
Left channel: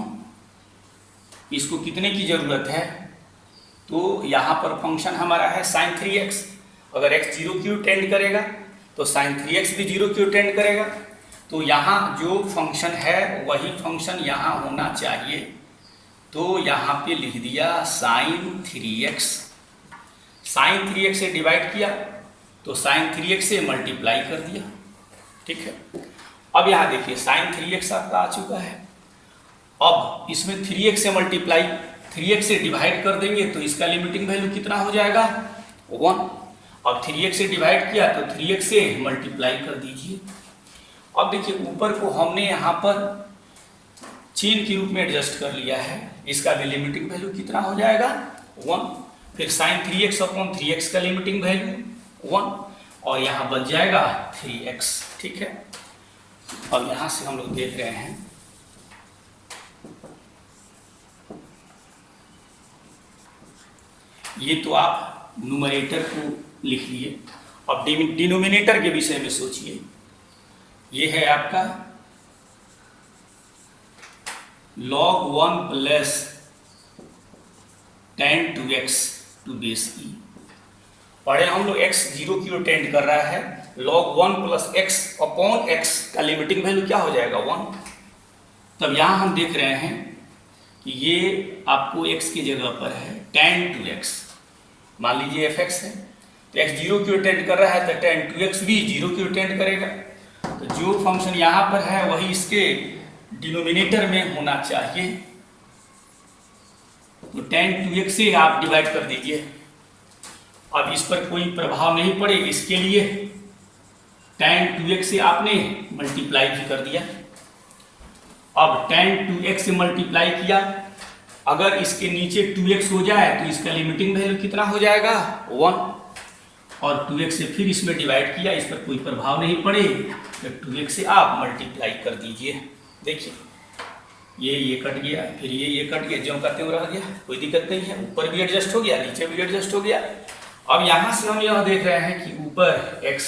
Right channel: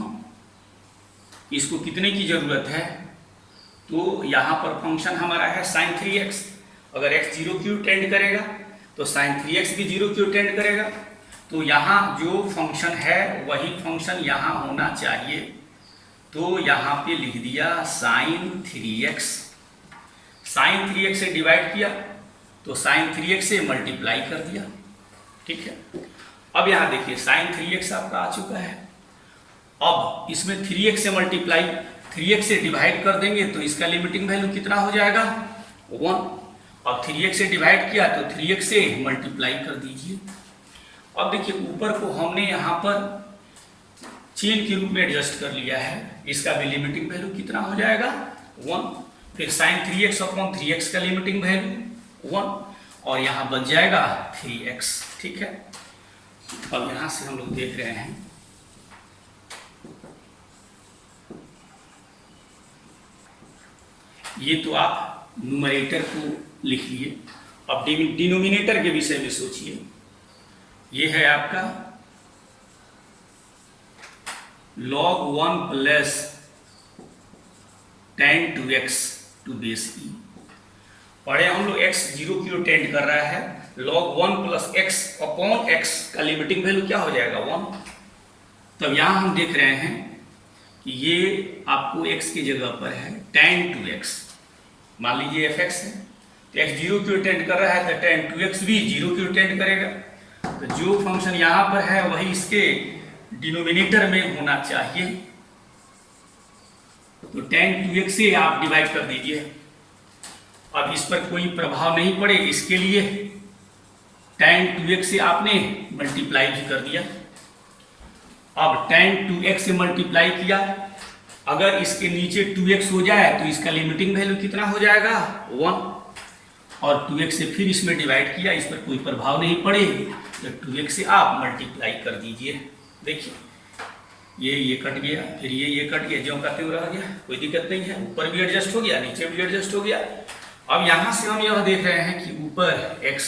इसको कितने की जरूरत है, तो यहां पर फंक्शन हमारा है साइन 3x, अगर x 0 की टेंड करेगा तो साइन 3x भी 0 की टेंड करेगा, तो यहां जो फंक्शन है वही फंक्शन यहां होना चाहिए, तो यहाँ पे लिख दिया साइन 3x, साइन 3x से डिवाइड किया तो साइन 3x से मल्टीप्लाई कर दिया, ठीक है। अब यहाँ देखिए साइन 3x आपका आ चुका है, अब इसमें 3x से मल्टीप्लाई 3x से डिवाइड कर देंगे तो इसका लिमिटिंग वैल्यू कितना हो जाएगा 1, अब 3x से डिवाइड किया तो 3x से मल्टीप्लाई कर दीजिए। अब देखिए ऊपर को हमने यहाँ पर चेन के रूप में एडजस्ट कर लिया है, इसका भी लिमिटिंग वैल्यू कितना हो जाएगा 1, फिर साइन 3x अपॉन 3x का लिमिटिंग वैल्यू 1 और यहाँ बच जाएगा 3x, ठीक है। अब यहाँ से हम लोग देख रहे हैं ये तो आप न्यूमरेटर को लिख लिए, अब डिनोमिनेटर के विषय में सोचिए, ये है आपका log 1 plus tan 2x to base e, पढ़े हम लोग x 0 की टेंड कर रहा है, log 1 plus x upon x का लिमिटिंग वैल्यू क्या हो जाएगा 1, तब यहाँ हम देख रहे हैं कि ये आपको x की जगह पर है tan 2x, मान लीजिए fx है तो x 0 की टेंड कर रहा है तो tan 2x भी 0 की टेंड करेगा, तो जो फंक्शन यहाँ पर है वही इसके डिनोमिनेटर में होना चाहिए, तो tan 2x से आप डिवाइड कर दीजिए, अब इस पर कोई प्रभाव नहीं पड़े इसके लिए tan 2x से आपने मल्टीप्लाई भी कर दिया। अब tan 2x से मल्टीप्लाई किया, अगर इसके नीचे 2x हो जाए तो इसका लिमिटिंग वैल्यू कितना हो जाएगा 1, और 2x से फिर इसमें डिवाइड किया, इस पर कोई प्रभाव नहीं पड़े तो 2x से आप मल्टीप्लाई कर दीजिए। देखिए ये कट गया, फिर ये कट गया, ज्यों का त्यों रह गया, कोई दिक्कत नहीं है। ऊपर भी एडजस्ट हो गया, नीचे भी एडजस्ट हो गया। अब यहाँ से हम यह देख रहे हैं कि ऊपर x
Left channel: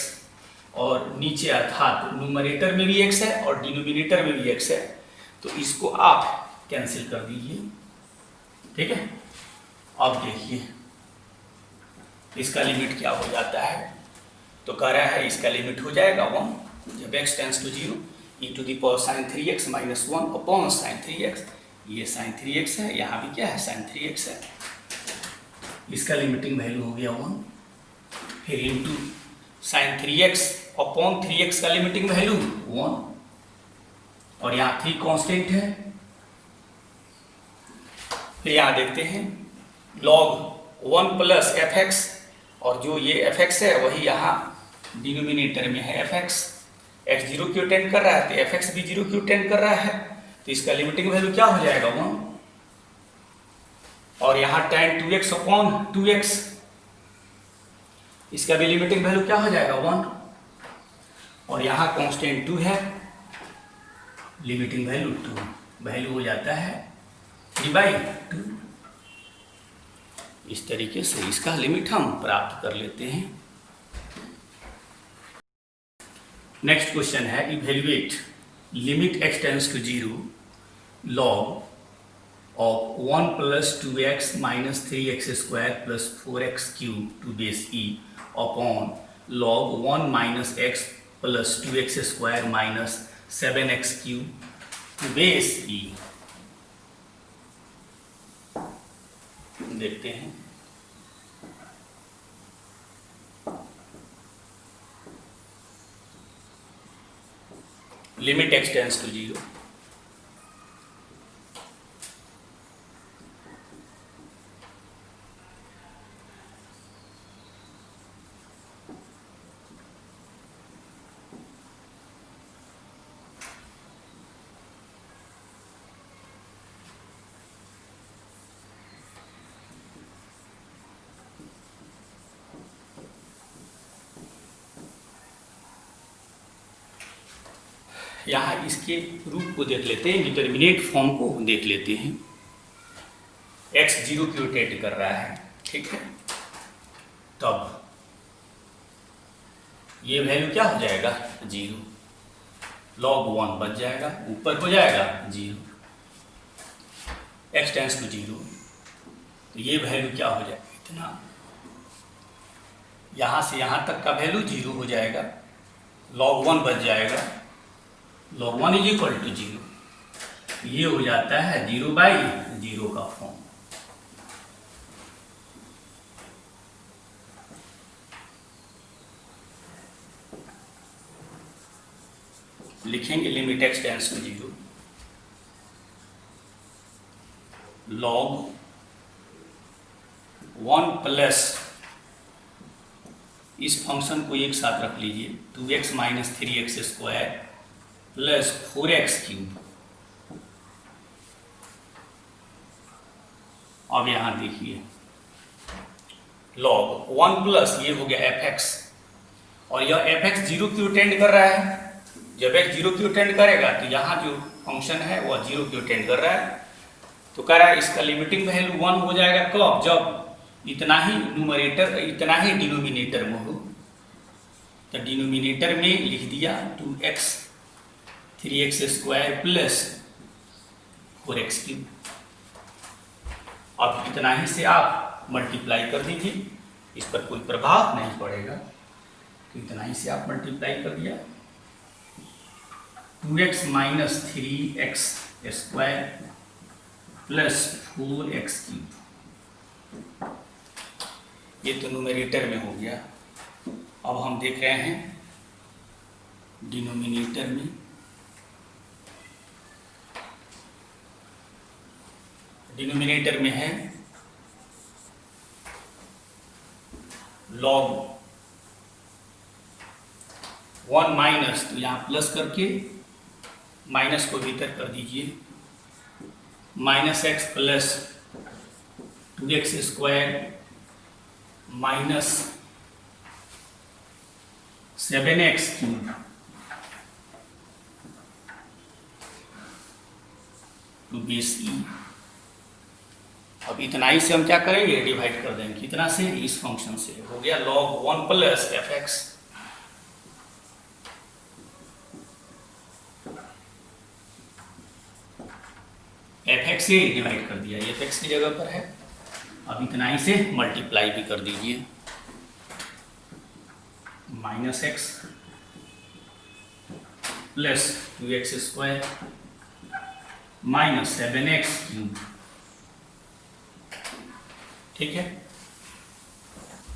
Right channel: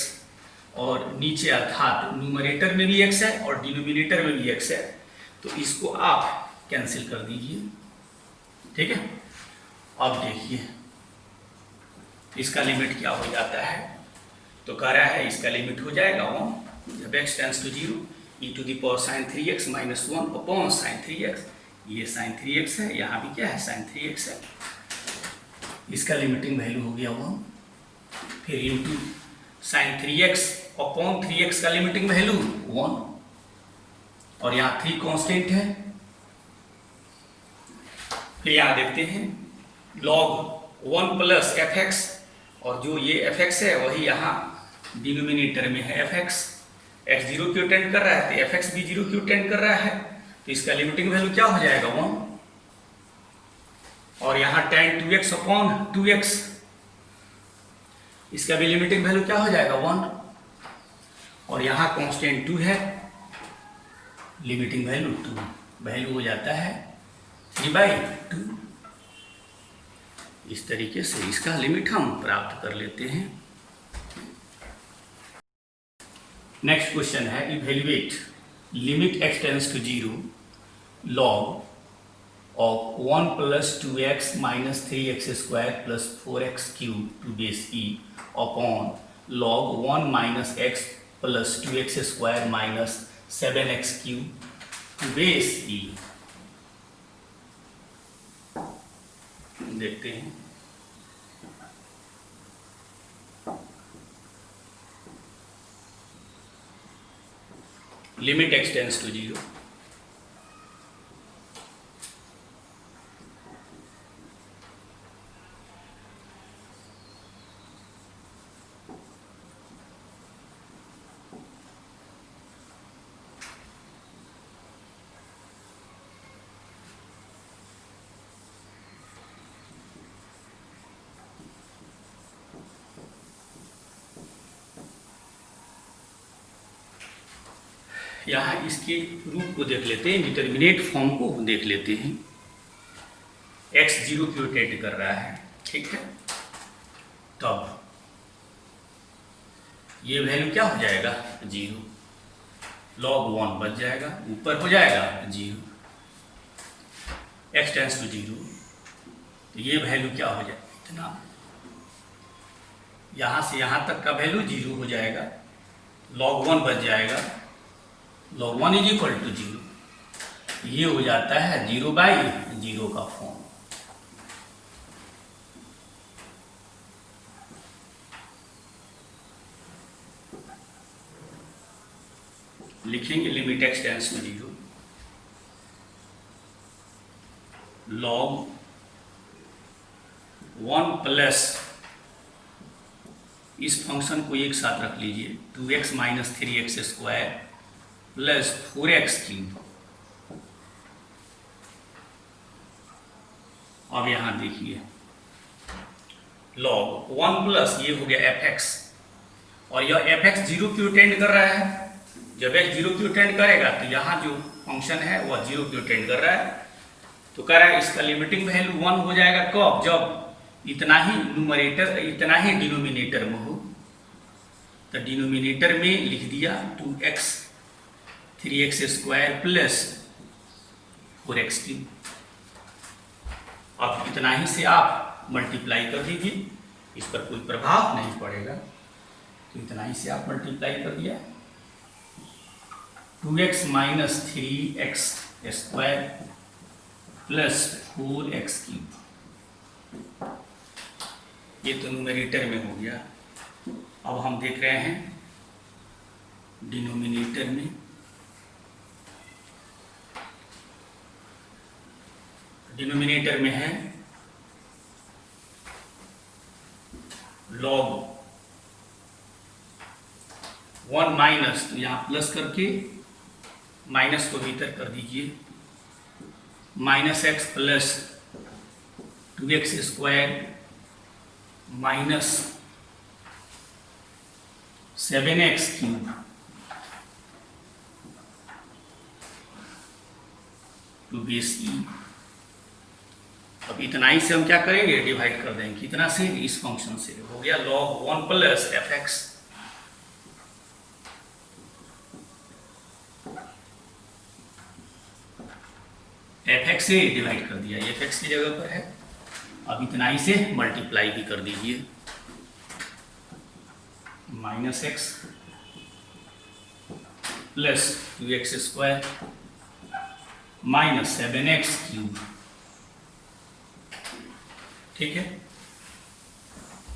और नीचे अर्थात न्यूमरेटर में भी x है और डिनोमिनेटर में भी x है, तो इसको आप कैंसिल कर दीजिए। ठीक है, अब देखिए इसका लिमिट क्या हो जाता है, तो कह रहा है इसका लिमिट हो जाएगा 1 जब x tends to 0 e⁻ sin 3x - 1 upon sin 3x। ये sin 3x है, यहाँ भी क्या है sin 3x है, इसका लिमिटिंग वैल्यू हो गया 1, फिर into sin 3x upon 3x का लिमिटिंग वैल्यू 1, और यहाँ 3 कांस्टेंट है। फिर यहाँ देखते हैं log 1 प्लस fx, और जो ये fx है वही यहाँ डिनोमिनेटर में है fx, x 0 क्यों टेंड कर रहा है तो fx भी 0 क्यों टेंड कर रहा है, तो इसका लिमिटिंग वैल्यू क्या हो जाएगा 1, और यहाँ tan 2x अपॉन 2x, इसका भी लिमिटिंग वैल्यू क्या हो जाएगा 1, और यहाँ कांस्टेंट 2 है, लिमिटिंग वैल्यू 2, वैल्यू हो जाता है 3/2। इस तरीके से इसका लिमिट हम प्राप्त कर लेते हैं। नेक्स्ट क्वेश्चन है evaluate limit x tends to 0 log of 1 plus 2x minus 3x² plus 4x³ to base e upon log 1 minus x plus 2x² minus 7x³ to base e। देखते हैं लिमिट x टेंड्स टू 0, यहाँ इसके रूप को देख लेते हैं, determinate form को देख लेते हैं। x 0 क्यों टेंड कर रहा है, ठीक है, तब ये वैल्यू क्या हो जाएगा 0, log 1 बच जाएगा, ऊपर हो जाएगा 0, x टेंड्स टू 0, तो ये वैल्यू क्या हो जाएगा इतना, यहाँ से यहाँ तक का वैल्यू 0 हो जाएगा, log 1 बच जाएगा, log 1 = 0, ये हो जाता है 0/0 का फॉर्म। लिखेंगे limit x tends to 0 log 1 plus, इस फंक्शन को एक साथ रख लीजिए, 2x - 3x² प्लस 4x³। अब यहां देखिए log 1 प्लस ये हो गया fx, और यह fx 0 क्यों टेंड कर रहा है, जब x 0 क्यों टेंड करेगा तो यहाँ जो फंक्शन है वह 0 क्यों टेंड कर रहा है, तो कह रहा है इसका लिमिटिंग वैल्यू 1 हो जाएगा कब, जब इतना ही न्यूमरेटर इतना ही डिनोमिनेटर में हो, तो डिनोमिनेटर में लिख दिया 2x 3x² प्लस 4x³। अब इतना ही से आप मल्टीप्लाई कर दीजिए, इस पर कोई प्रभाव नहीं पड़ेगा, तो इतना ही से आप मल्टीप्लाई कर दिया, 2x - 3x² प्लस 4x³, ये तो न्यूमरेटर में हो गया। अब हम देख रहे हैं डिनोमिनेटर में, डिनोमिनेटर में है log 1 माइनस, तो यहाँ प्लस करके माइनस को भीतर कर दीजिए, minus x plus 2x square minus 7x cube to base e. अब इतना ही से हम क्या करेंगे, डिवाइड कर देंगे कितना से, इस फंक्शन से। हो गया log 1 plus f x, F x से डिवाइड कर दिया, एफ एक्स की जगह पर है। अब इतना ही से मल्टीप्लाई भी कर दीजिए, minus x plus 2x square minus 7x cube. ठीक है।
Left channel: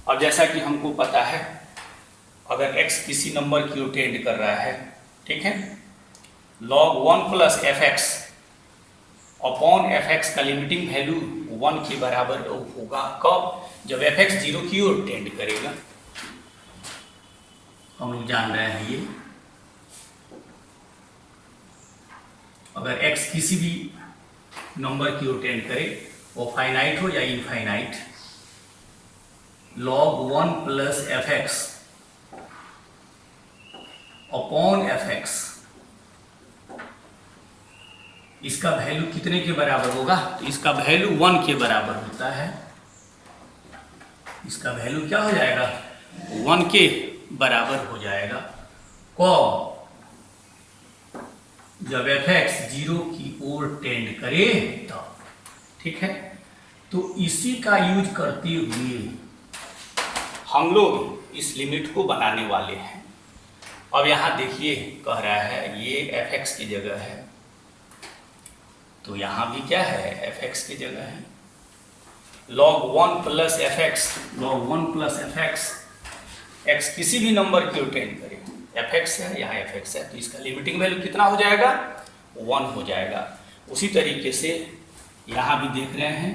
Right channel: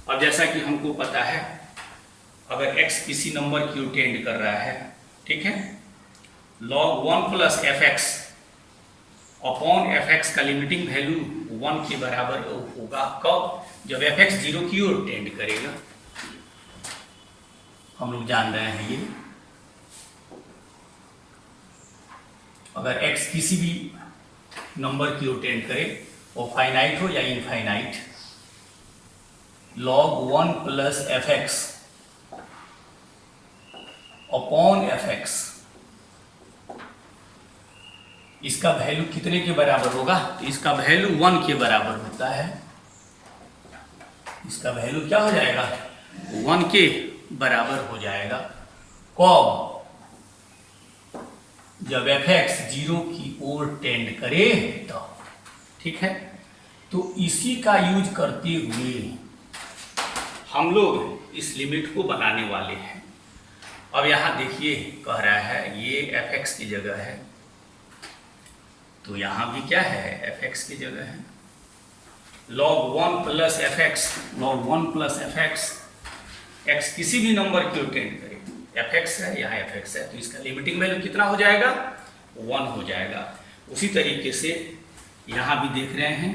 अब जैसा कि हमको पता है, अगर x किसी नंबर की ओर टेंड कर रहा है, ठीक है, log 1 plus f x upon f x का लिमिटिंग वैल्यू 1 के बराबर होगा। कब? जब एफ एक्स 0 की ओर टेंड करेगा। हम लोग जान रहे हैं ये, अगर x किसी भी नंबर की ओर टेंड करे, वो फाइनाइट हो या infinite, log 1 plus f x upon f x, इसका वैल्यू कितने के बराबर होगा? तो इसका वैल्यू 1 के बराबर होता है। इसका वैल्यू क्या हो जाएगा? 1 के बराबर हो जाएगा। कब? जब एफ एक्स 0 की ओर टेंड करे तब। ठीक है। तो इसी का यूज करते हुए हम लोग इस लिमिट को बनाने वाले हैं। अब यहां देखिए, कह रहा है ये एफ एक्स की जगह है, तो यहां भी क्या है, एफ एक्स की जगह है। log 1 plus f x, log 1 plus f x, x किसी भी नंबर की ओर टेंड करे, एफ एक्स है, यहाँ एफ एक्स है, तो इसका लिमिटिंग वैल्यू कितना हो जाएगा? 1 हो जाएगा। उसी तरीके से यहाँ भी देख रहे हैं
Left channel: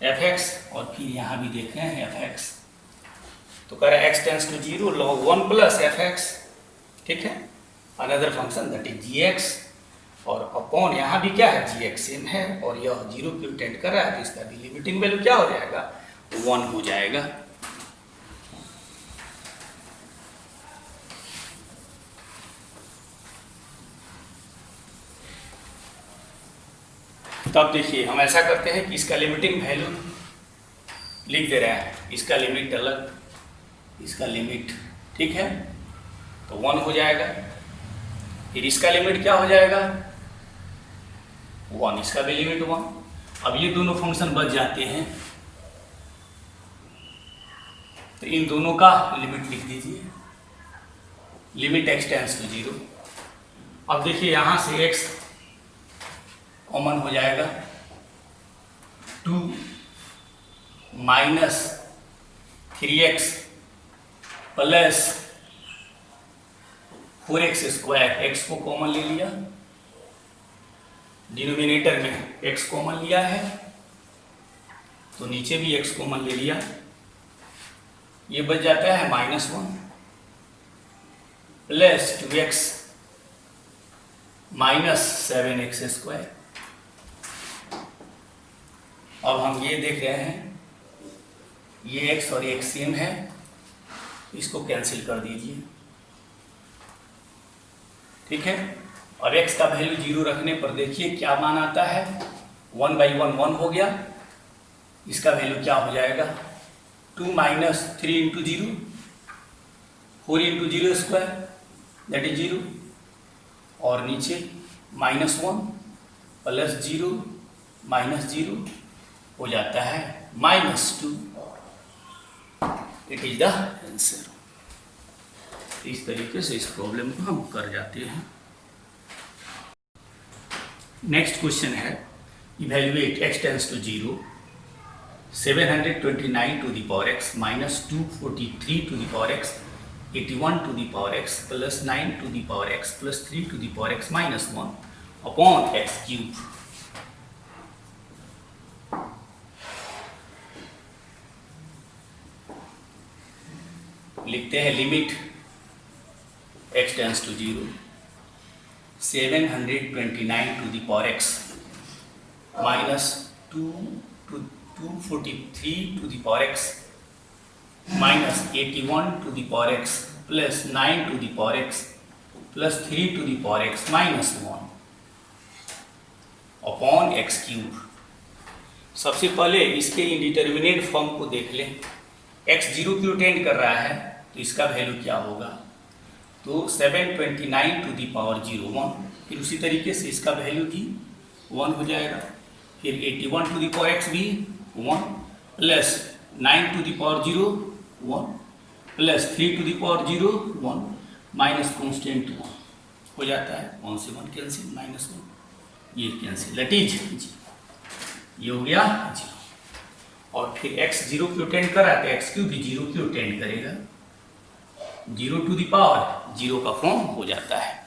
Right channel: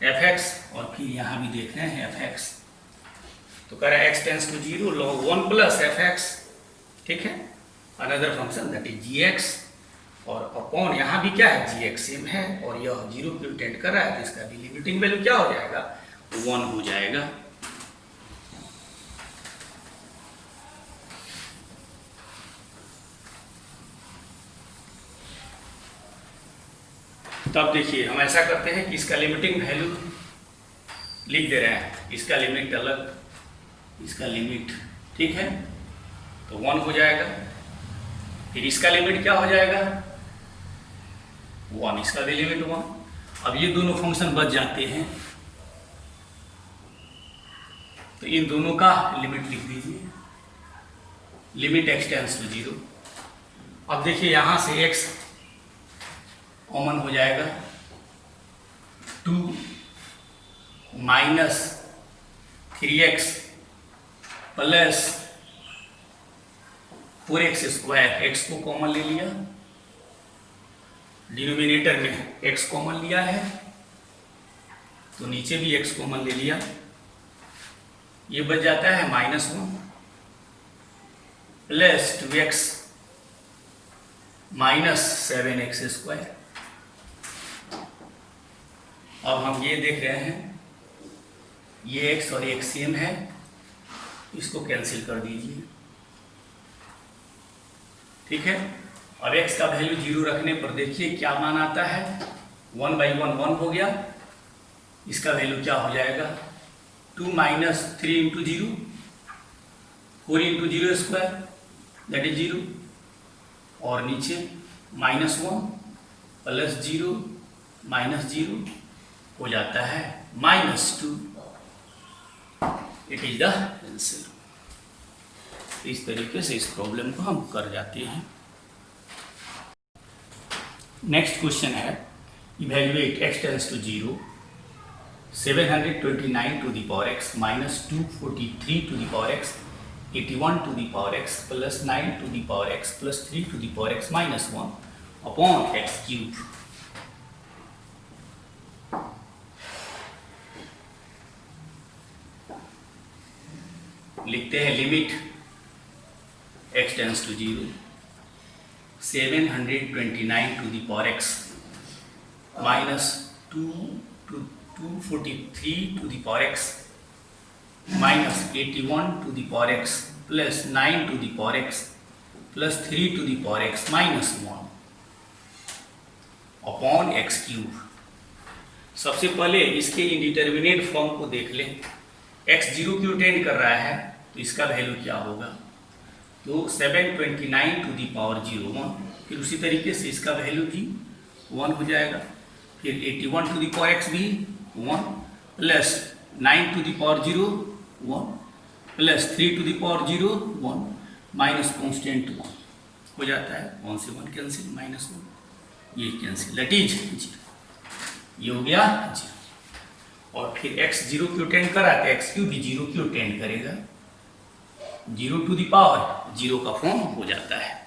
एफ एक्स, और फिर यहाँ भी देख रहे हैं एफ एक्स, तो कह रहा है x tends to 0 log 1 plus f x. ठीक है, another function that is g x, और अपॉन यहाँ भी क्या है, जी एक्स सेम है, और यह 0 की ओर टेंड कर रहा है, तो इसका भी लिमिटिंग वैल्यू क्या हो जाएगा? 1 हो जाएगा। तब देखिए, हम ऐसा करते हैं कि इसका लिमिटिंग वैल्यू लिख दे रहे हैं, इसका लिमिट अलग, इसका लिमिट, ठीक है, तो 1 हो जाएगा। फिर इसका लिमिट क्या हो जाएगा? 1, इसका भी लिमिट 1। अब ये दोनों फंक्शन बच जाते हैं, तो इन दोनों का लिमिट लिख दीजिए, लिमिट x टेंस टू 0। अब देखिए, यहां से x कॉमन हो जाएगा, 2 minus 3x plus 4x square, x को कॉमन ले लिया, डिनोमिनेटर में x कॉमन लिया है, तो नीचे भी x कॉमन ले लिया, ये बच जाता है -1 plus 2x minus 7x square. अब हम ये देख रहे हैं, ये x और x सेम है, इसको कैंसिल कर दीजिए। ठीक है। अब x का वैल्यू 0 रखने पर देखिए क्या मान आता है, 1/1 1 हो गया, इसका वैल्यू क्या हो जाएगा, 2 minus 3 into 0, 4 into 0 square that is 0, और नीचे -1 प्लस 0 माइनस 0 हो जाता है -2। It is the answer. इस तरीके से इस प्रॉब्लम को हम कर जाते हैं। नेक्स्ट क्वेश्चन है, evaluate x tends to 0 729 to the power x minus 243 to the power x 81 to the power x plus 9 to the power x plus 3 to the power x minus 1 upon x cube. लिखते हैं limit x tends to 0 729 to the power x minus 243 to the power x minus 81 to the power x plus 9 to the power x plus 3 to the power x minus 1 upon x cube. सबसे पहले इसके indeterminate form को देख लें। x 0 क्यों tend कर रहा है तो इसका वैल्यू क्या होगा, तो 729 टू दी पावर 0 1, फिर उसी तरीके से इसका वैल्यू भी 1 हो जाएगा, फिर 81 टू दी पावर x भी 1 plus 9 to the power 0 1 plus 3 to the power 0 1 minus constant 1 हो जाता है, 1 से 1 कैंसिल, माइनस 1 ये कैंसिल, दैट इज 0, ये हो गया 0। और फिर x 0 क्यों टेंड कर रहा है तो x क्यूब भी 0 क्यों टेंड करेगा, 0 टू दी पावर 0 का फॉर्म हो जाता है।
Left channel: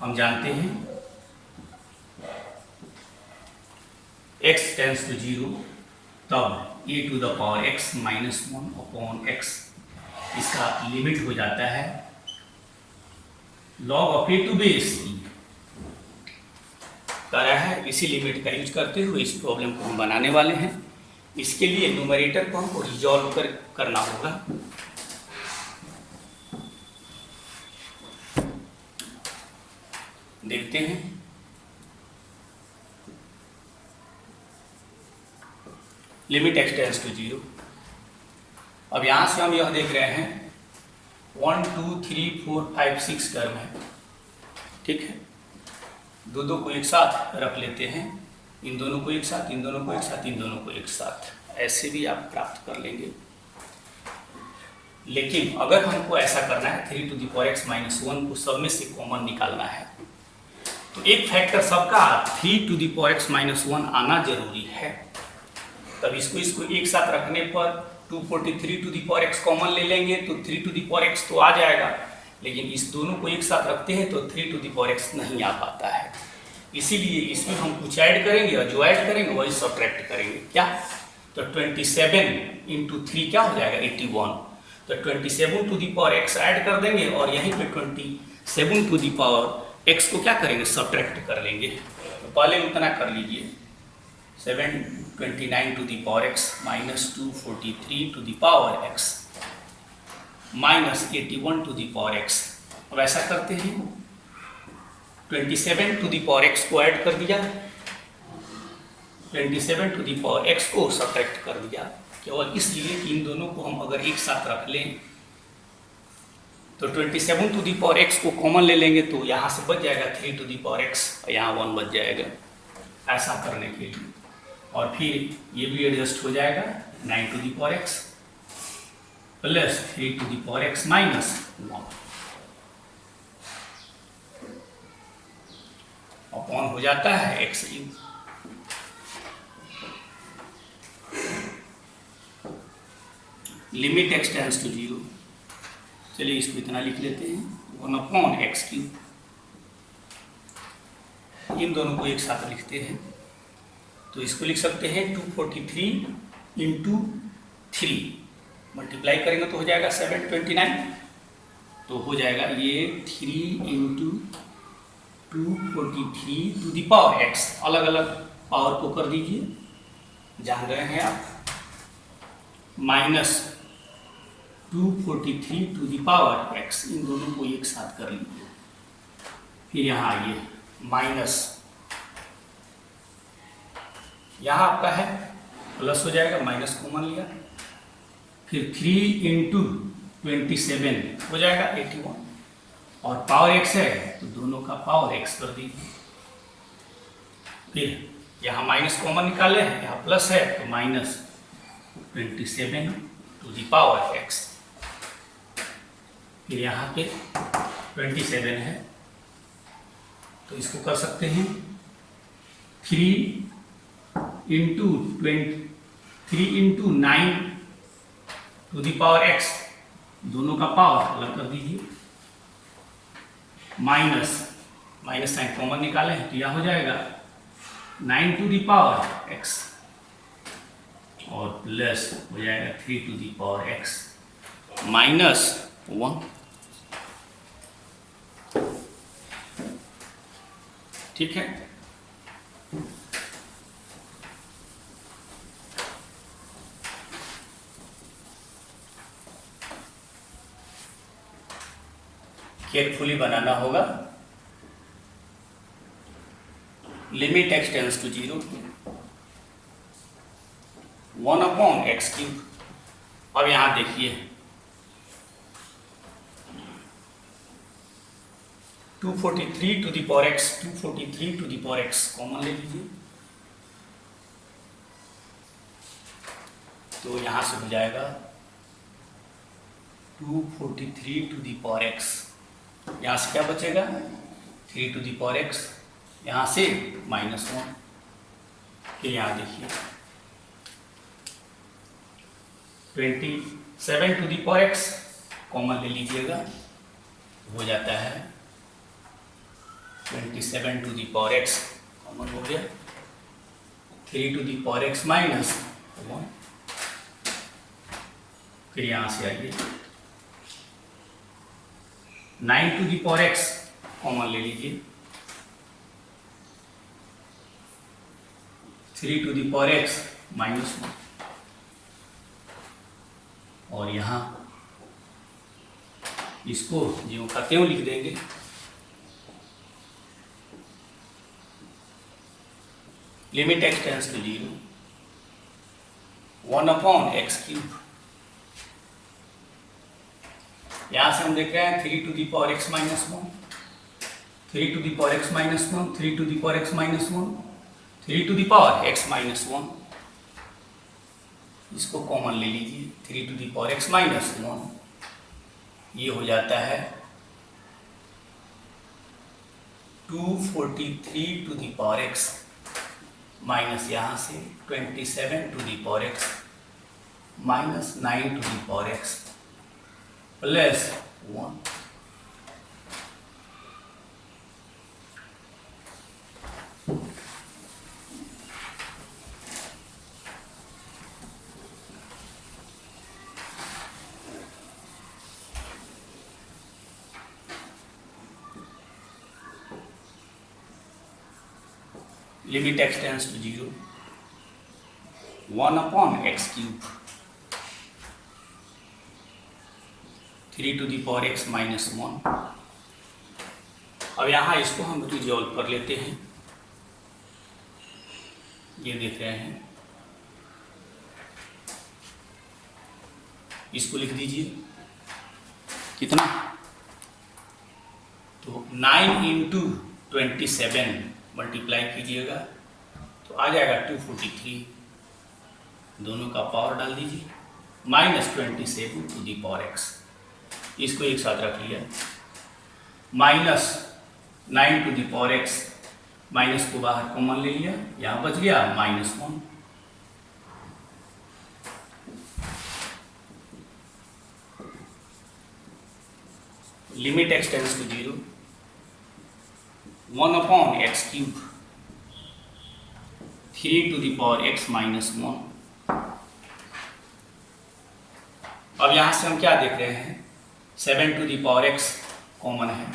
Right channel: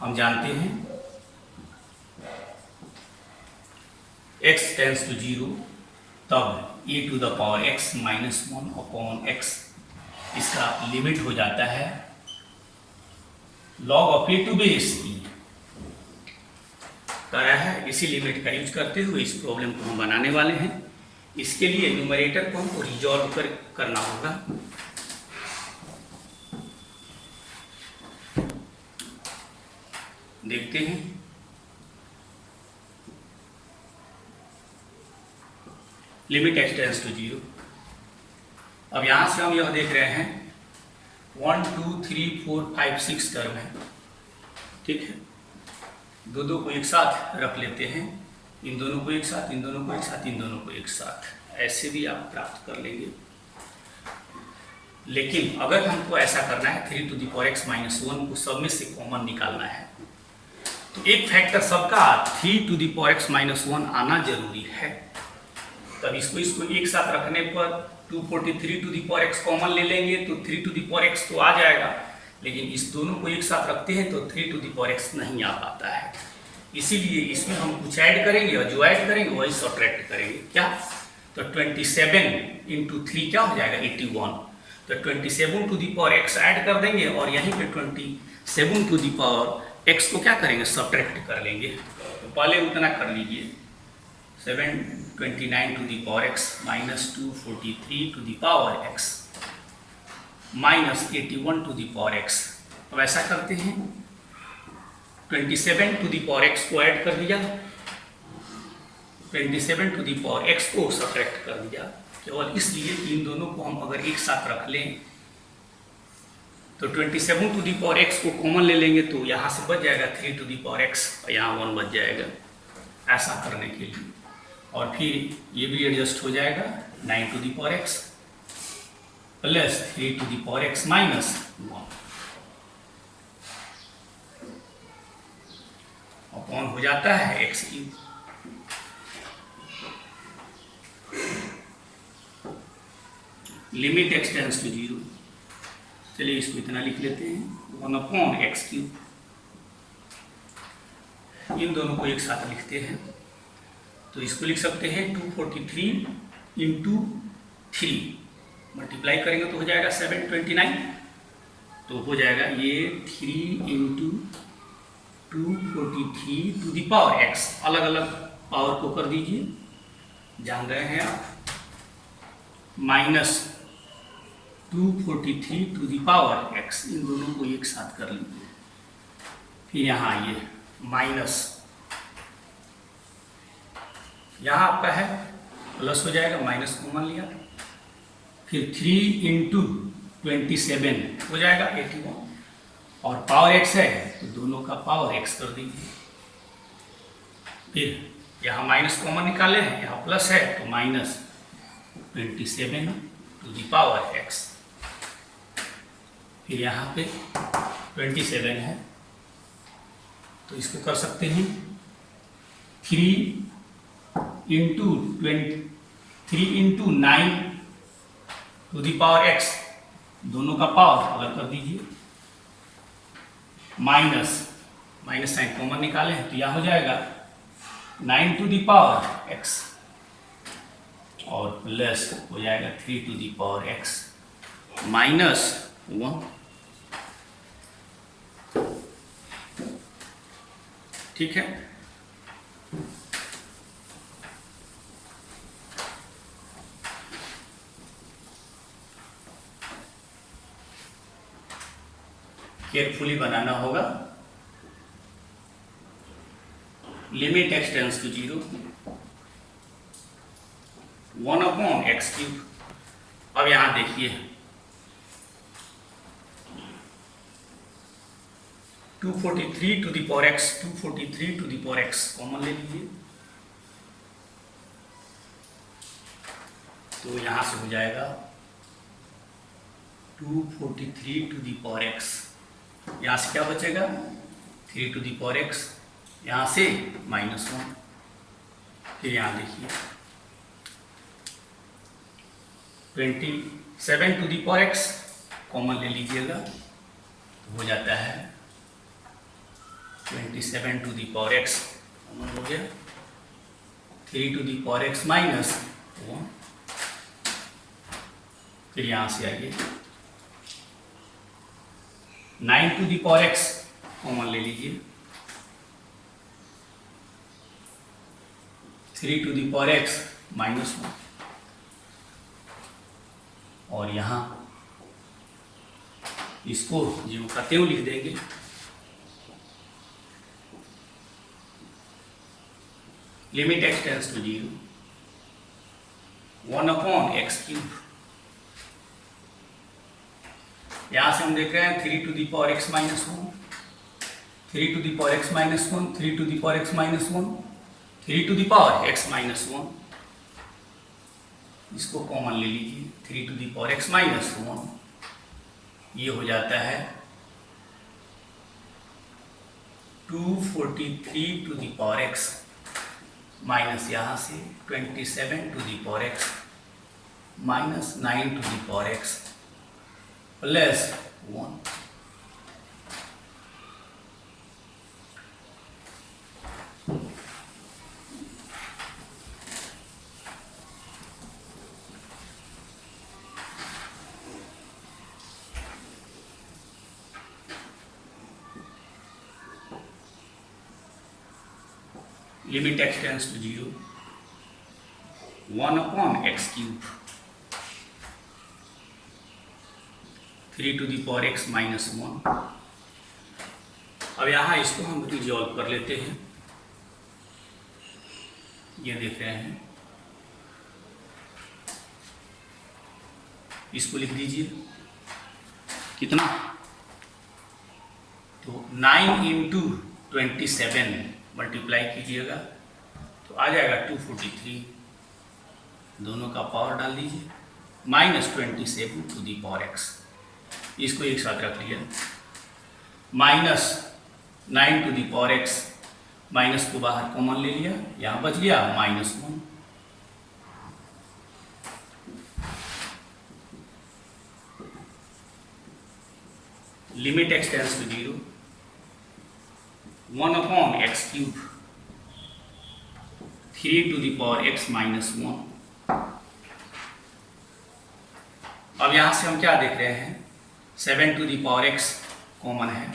हम जानते हैं x टेंस टू 0 तब a to the power x minus 1 upon x इसका लिमिट हो जाता है log of a to base e करा है। इसी लिमिट का यूज करते हुए इस प्रॉब्लम को हम बनाने वाले हैं। इसके लिए न्यूमरेटर को हमको रिजॉल्व करना होगा। देखते हैं, लिमिट x टेंस टू 0। अब यहां से हम यह देख रहे हैं 1 2 3 4 5 6 टर्म है, ठीक है। दो को एक साथ रख लेते हैं, इन दोनों को एक साथ, इन दोनों को एक साथ, इन दोनों को एक साथ, ऐसे भी आप प्राप्त कर लेंगे। लेकिन अगर हमको ऐसा करना है 3 to the power x minus 1 को सब में से कॉमन निकालना है तो एक फैक्टर सबका 3 to the power x minus 1 आना जरूरी है। तब इसको एक साथ रखने पर 243 to the power x common ले लेंगे तो 3 टू दी पावर x तो आ जाएगा, लेकिन इस दोनों को एक साथ रखते हैं तो 3 टू दी पावर x नहीं आ पाता है। इसीलिए इसमें हम कुछ ऐड करेंगे और जो ऐड करेंगे वही सब्ट्रैक्ट करेंगे। क्या, तो 27 इंटू 3 क्या हो जाएगा 81, तो 27 to the power x add कर देंगे और यहीं पे 27 टू दी पावर x को क्या करेंगे सब्ट्रैक्ट कर लेंगे। तो पहले उतना कर लीजिए, 729 to the power x minus 243 to the power x minus 81 to the power x। अब ऐसा करते हैं 27 टू दी पावर x को ऐड कर दिया, 27 टू दी पावर x को सब्ट्रैक्ट कर दिया, केवल इसलिए कि इन दोनों को हम अगर एक साथ रख लें तो 27 टू दी पावर x को कॉमन ले लेंगे तो यहाँ से बच जाएगा 3 टू दी पावर x और यहाँ 1 बच जाएगा। ऐसा करने के लिए और फिर ये भी एडजस्ट हो जाएगा 9 to the power x plus 3 to the power x minus 1 upon हो जाता है x cube. Limit x tends to 0, चलिए इसको इतना लिख लेते हैं 1 अपॉन एक्स क्यूब। इन दोनों को एक साथ लिखते हैं तो इसको लिख सकते हैं 243 इंटू 3 मल्टीप्लाई करेंगे तो हो जाएगा 729, तो हो जाएगा ये 3 into 243 to the power x, अलग अलग पावर को कर दीजिए, जान रहे हैं आप, minus 243 to the power x, इन दोनों को एक साथ कर लीजिए। फिर यहाँ आइए माइनस, यहाँ आपका है प्लस हो जाएगा, माइनस कॉमन लिया, फिर 3 इंटू 27 हो जाएगा 81 और पावर x है तो दोनों का पावर x कर दीजिए। फिर यहाँ माइनस कॉमन निकाले हैं, यहाँ प्लस है तो minus 27 to the power x, फिर यहाँ पे 27 है तो इसको कर सकते हैं 3 into 9 to the power x, दोनों का पावर अलग कर दीजिए, माइनस साइन कॉमन निकाले हैं तो यह हो जाएगा 9 टू दी पावर x और प्लस हो जाएगा 3 to the power x minus 1। ठीक है, केयरफुली बनाना होगा। Limit x tends to 0, 1/x³। अब यहां देखिए 243 to the power x, 243 to the power x common ले लीजिए, तो यहां से हो जाएगा 243 टू दी पावर x, यहां से क्या बचेगा 3 टू दी पावर x, यहां से -1। फिर यहां देखिए 27 to the power x common ले लीजिएगा, हो जाता है 27 to the power x common हो गया, 3 टू दी पावर x -1। फिर यहां से आइए 9 to the power x common ले लीजिए, 3 टू दी पावर x -1, और यहां इसको ज्यों का त्यों लिख देंगे। Limit x tends to 0, 1/x³। यहां से हम देख रहे हैं 3 to the power x -1, 3 to the power x -1, 3 to the power x -1, 3 to the power x -1, इसको कॉमन ले लीजिए, 3 टू दी पावर x -1, ये हो जाता है 243 to the power x minus यहाँ से 27 to the power x minus 9 to the power x plus 1। Limit x tends to 0, 1/x³, 3 to the power x -1। अब यहाँ इसको हम रिजॉल्व कर लेते हैं, ये देख रहे हैं, इसको लिख दीजिए कितना, तो 9 इंटू 27 मल्टीप्लाई कीजिएगा तो आ जाएगा 243, दोनों का पावर डाल दीजिए, -27 टू दी पावर x, इसको एक साथ रख लिया, -9 to the power x, minus को बाहर कॉमन ले लिया, यहाँ बच गया -1। Limit x tends to 0, 1/x³, 3 to the power x -1। अब यहां से हम क्या देख रहे हैं, 7 to the power x common है,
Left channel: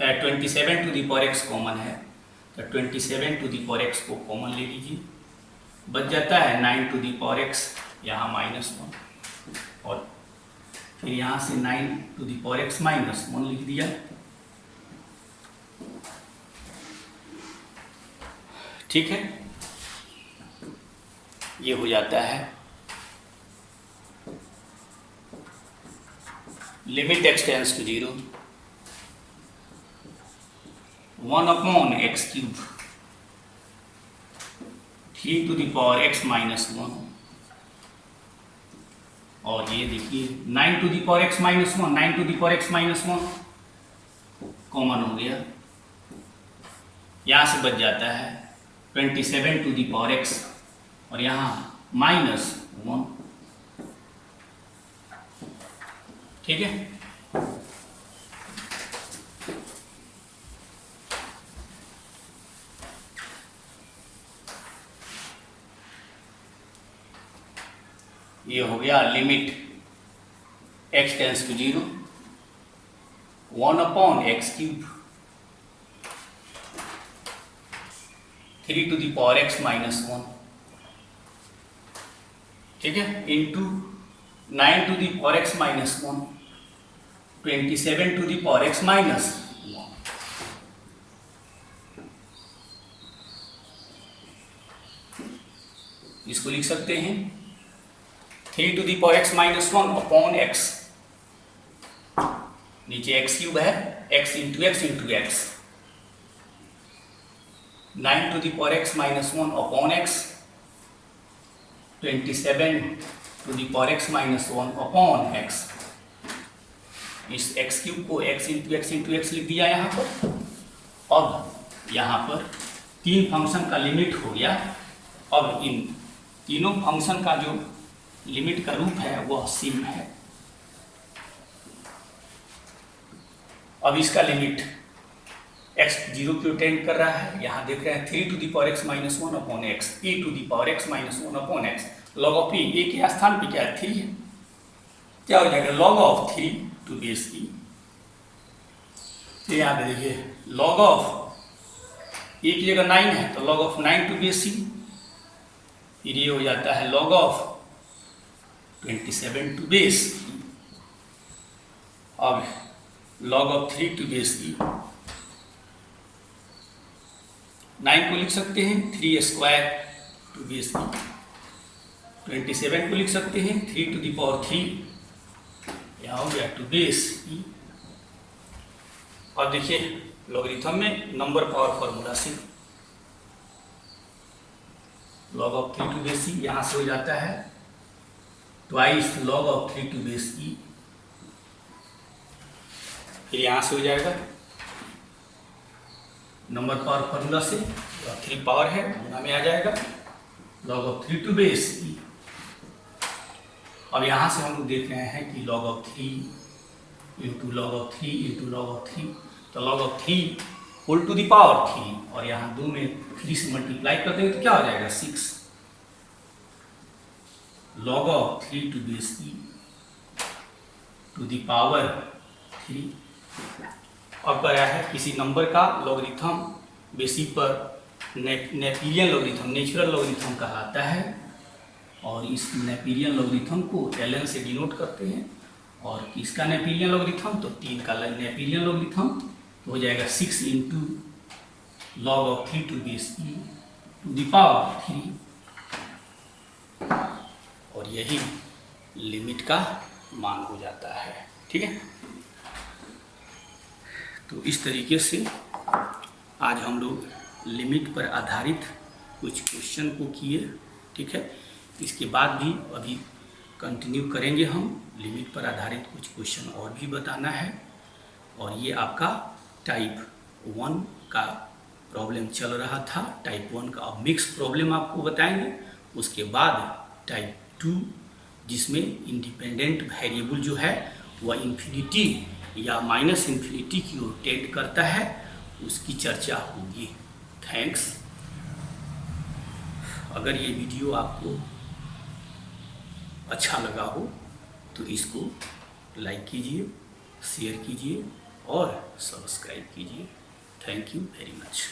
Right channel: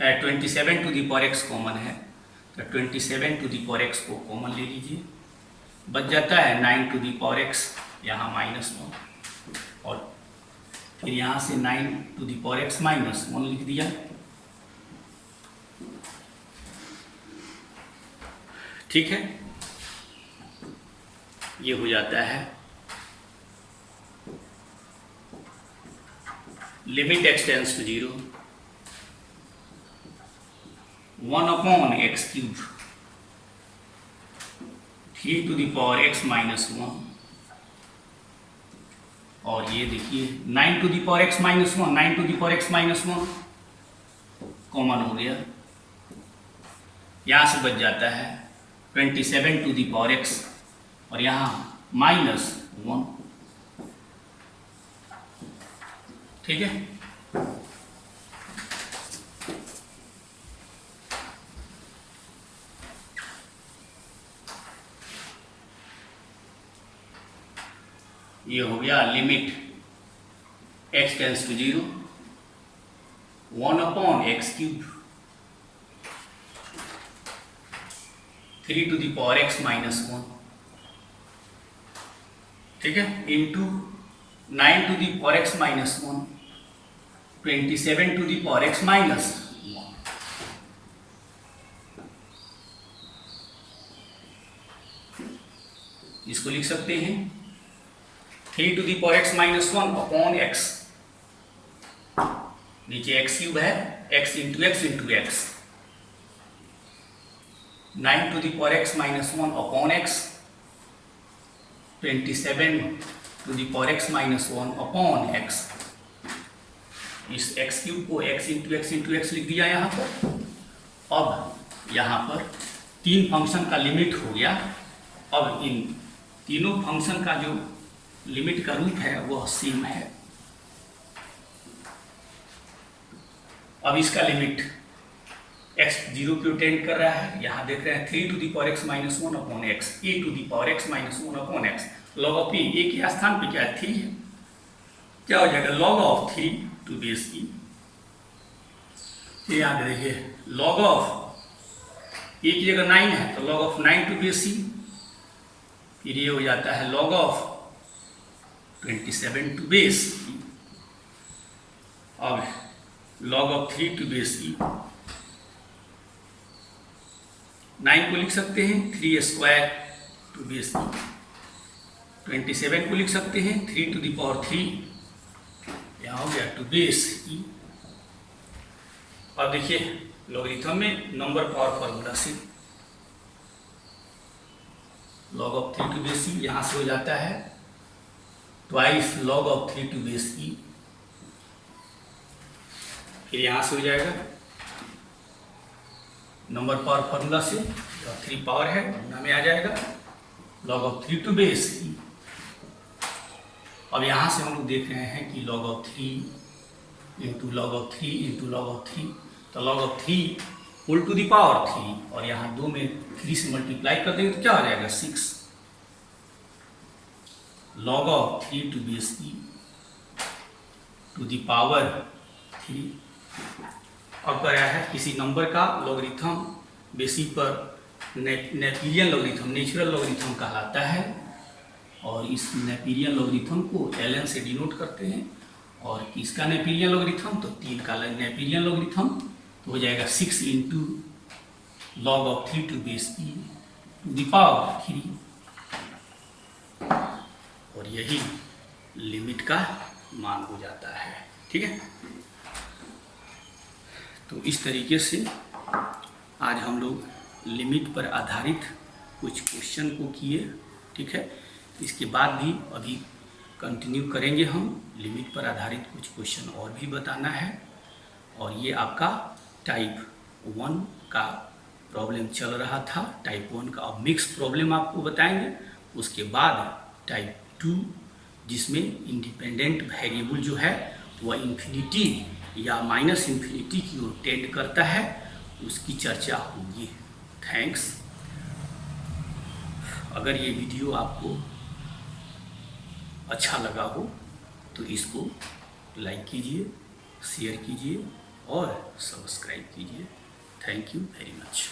27 to the power x common है, तो 27 टू दी पावर x को कॉमन ले लीजिए, बच जाता है 9 टू दी पावर x, यहाँ -1, और फिर यहाँ से 9 टू दी पावर x -1 लिख दिया। ठीक है, ये हो जाता है limit x tends to 0, 1/x³, 3 to the power x -1, और ये देखिए 9 to the power x -1, 9 to the power x -1 common हो गया, यहाँ से बच जाता है 27 टू दी पावर x, और यहाँ -1। ठीक है, ये हो गया limit x tends to 0 1/x³ 3 to the power x minus 1, ठीक है, into 9 to the power x minus 1, 27 to the power x minus 1। इसको लिख सकते हैं 3 to the power x minus 1 upon x, नीचे x³ है, x into x into x, 9 to the power x minus 1 upon x, 27 to the power x minus 1 upon x। इस x³ को x into x into x लिख दिया यहाँ पर। अब यहाँ पर तीन फंक्शन का लिमिट हो गया। अब इन तीनों फंक्शन का जो लिमिट का रूप है वह सेम है। अब इसका लिमिट x 0 को टेंड कर रहा है, यहाँ देख रहे हैं 3 to the power x minus 1 upon x, e to the power x minus 1 upon x, log of e, ए के स्थान पे क्या है 3 है, क्या हो जाएगा log of 3 to base e। यहाँ पे देखिए log ऑफ e की जगह 9 है तो log of 9 to base e, फिर ये हो जाता है log of 27 to base e। अब log of 3 to base e, 9 को लिख सकते हैं 3 स्क्वायर टू बेस e, 27 को लिख सकते हैं 3 to the power 3, यहाँ हो गया टू बेस e। और देखिए लॉगरिथम में नंबर पावर फॉर्मूला से log of 3 to base e यहाँ से हो जाता है twice log of 3 to base e, फिर यहाँ से हो जाएगा नंबर पावर फॉर्मूला से 3 पावर है गुना में आ जाएगा log of 3 to base e। अब यहाँ से हम लोग देख रहे हैं कि log of 3 into log of 3 into log of 3, तो log of 3 whole to the power 3, और यहाँ 2 में 3 से मल्टीप्लाई कर देंगे तो क्या हो जाएगा 6 log of 3 to base e to the power 3। अब क्या है किसी नंबर का लॉगरिथम बेसिस पर नेपियरियन लॉगरिथम, नेचुरल लॉगरिथम कहलाता है, और इस नेपियरियन लॉगरिथम को ln से डिनोट करते हैं। और किसका नेपियरियन लॉगरिथम, तो 3 का नेपियरियन लॉगरिथम, तो हो जाएगा 6 into log of 3 to base e to the power 3, और यही लिमिट का मान हो जाता है। ठीक है, तो इस तरीके से आज हम लोग लिमिट पर आधारित कुछ क्वेश्चन को किए। ठीक है, इसके बाद भी अभी कंटिन्यू करेंगे हम, लिमिट पर आधारित कुछ क्वेश्चन और भी बताना है। और ये आपका टाइप 1 का प्रॉब्लम चल रहा था, टाइप 1 का अब मिक्स प्रॉब्लम आपको बताएंगे। उसके बाद टाइप 2 जिसमें इंडिपेंडेंट वेरिएबल जो है वह इन्फिनिटी या माइनस इन्फिनिटी की ओर टेंड करता है, उसकी चर्चा होगी। थैंक्स। अगर ये वीडियो आपको अच्छा लगा हो तो इसको लाइक कीजिए, शेयर कीजिए और सब्सक्राइब कीजिए। Thank you very much.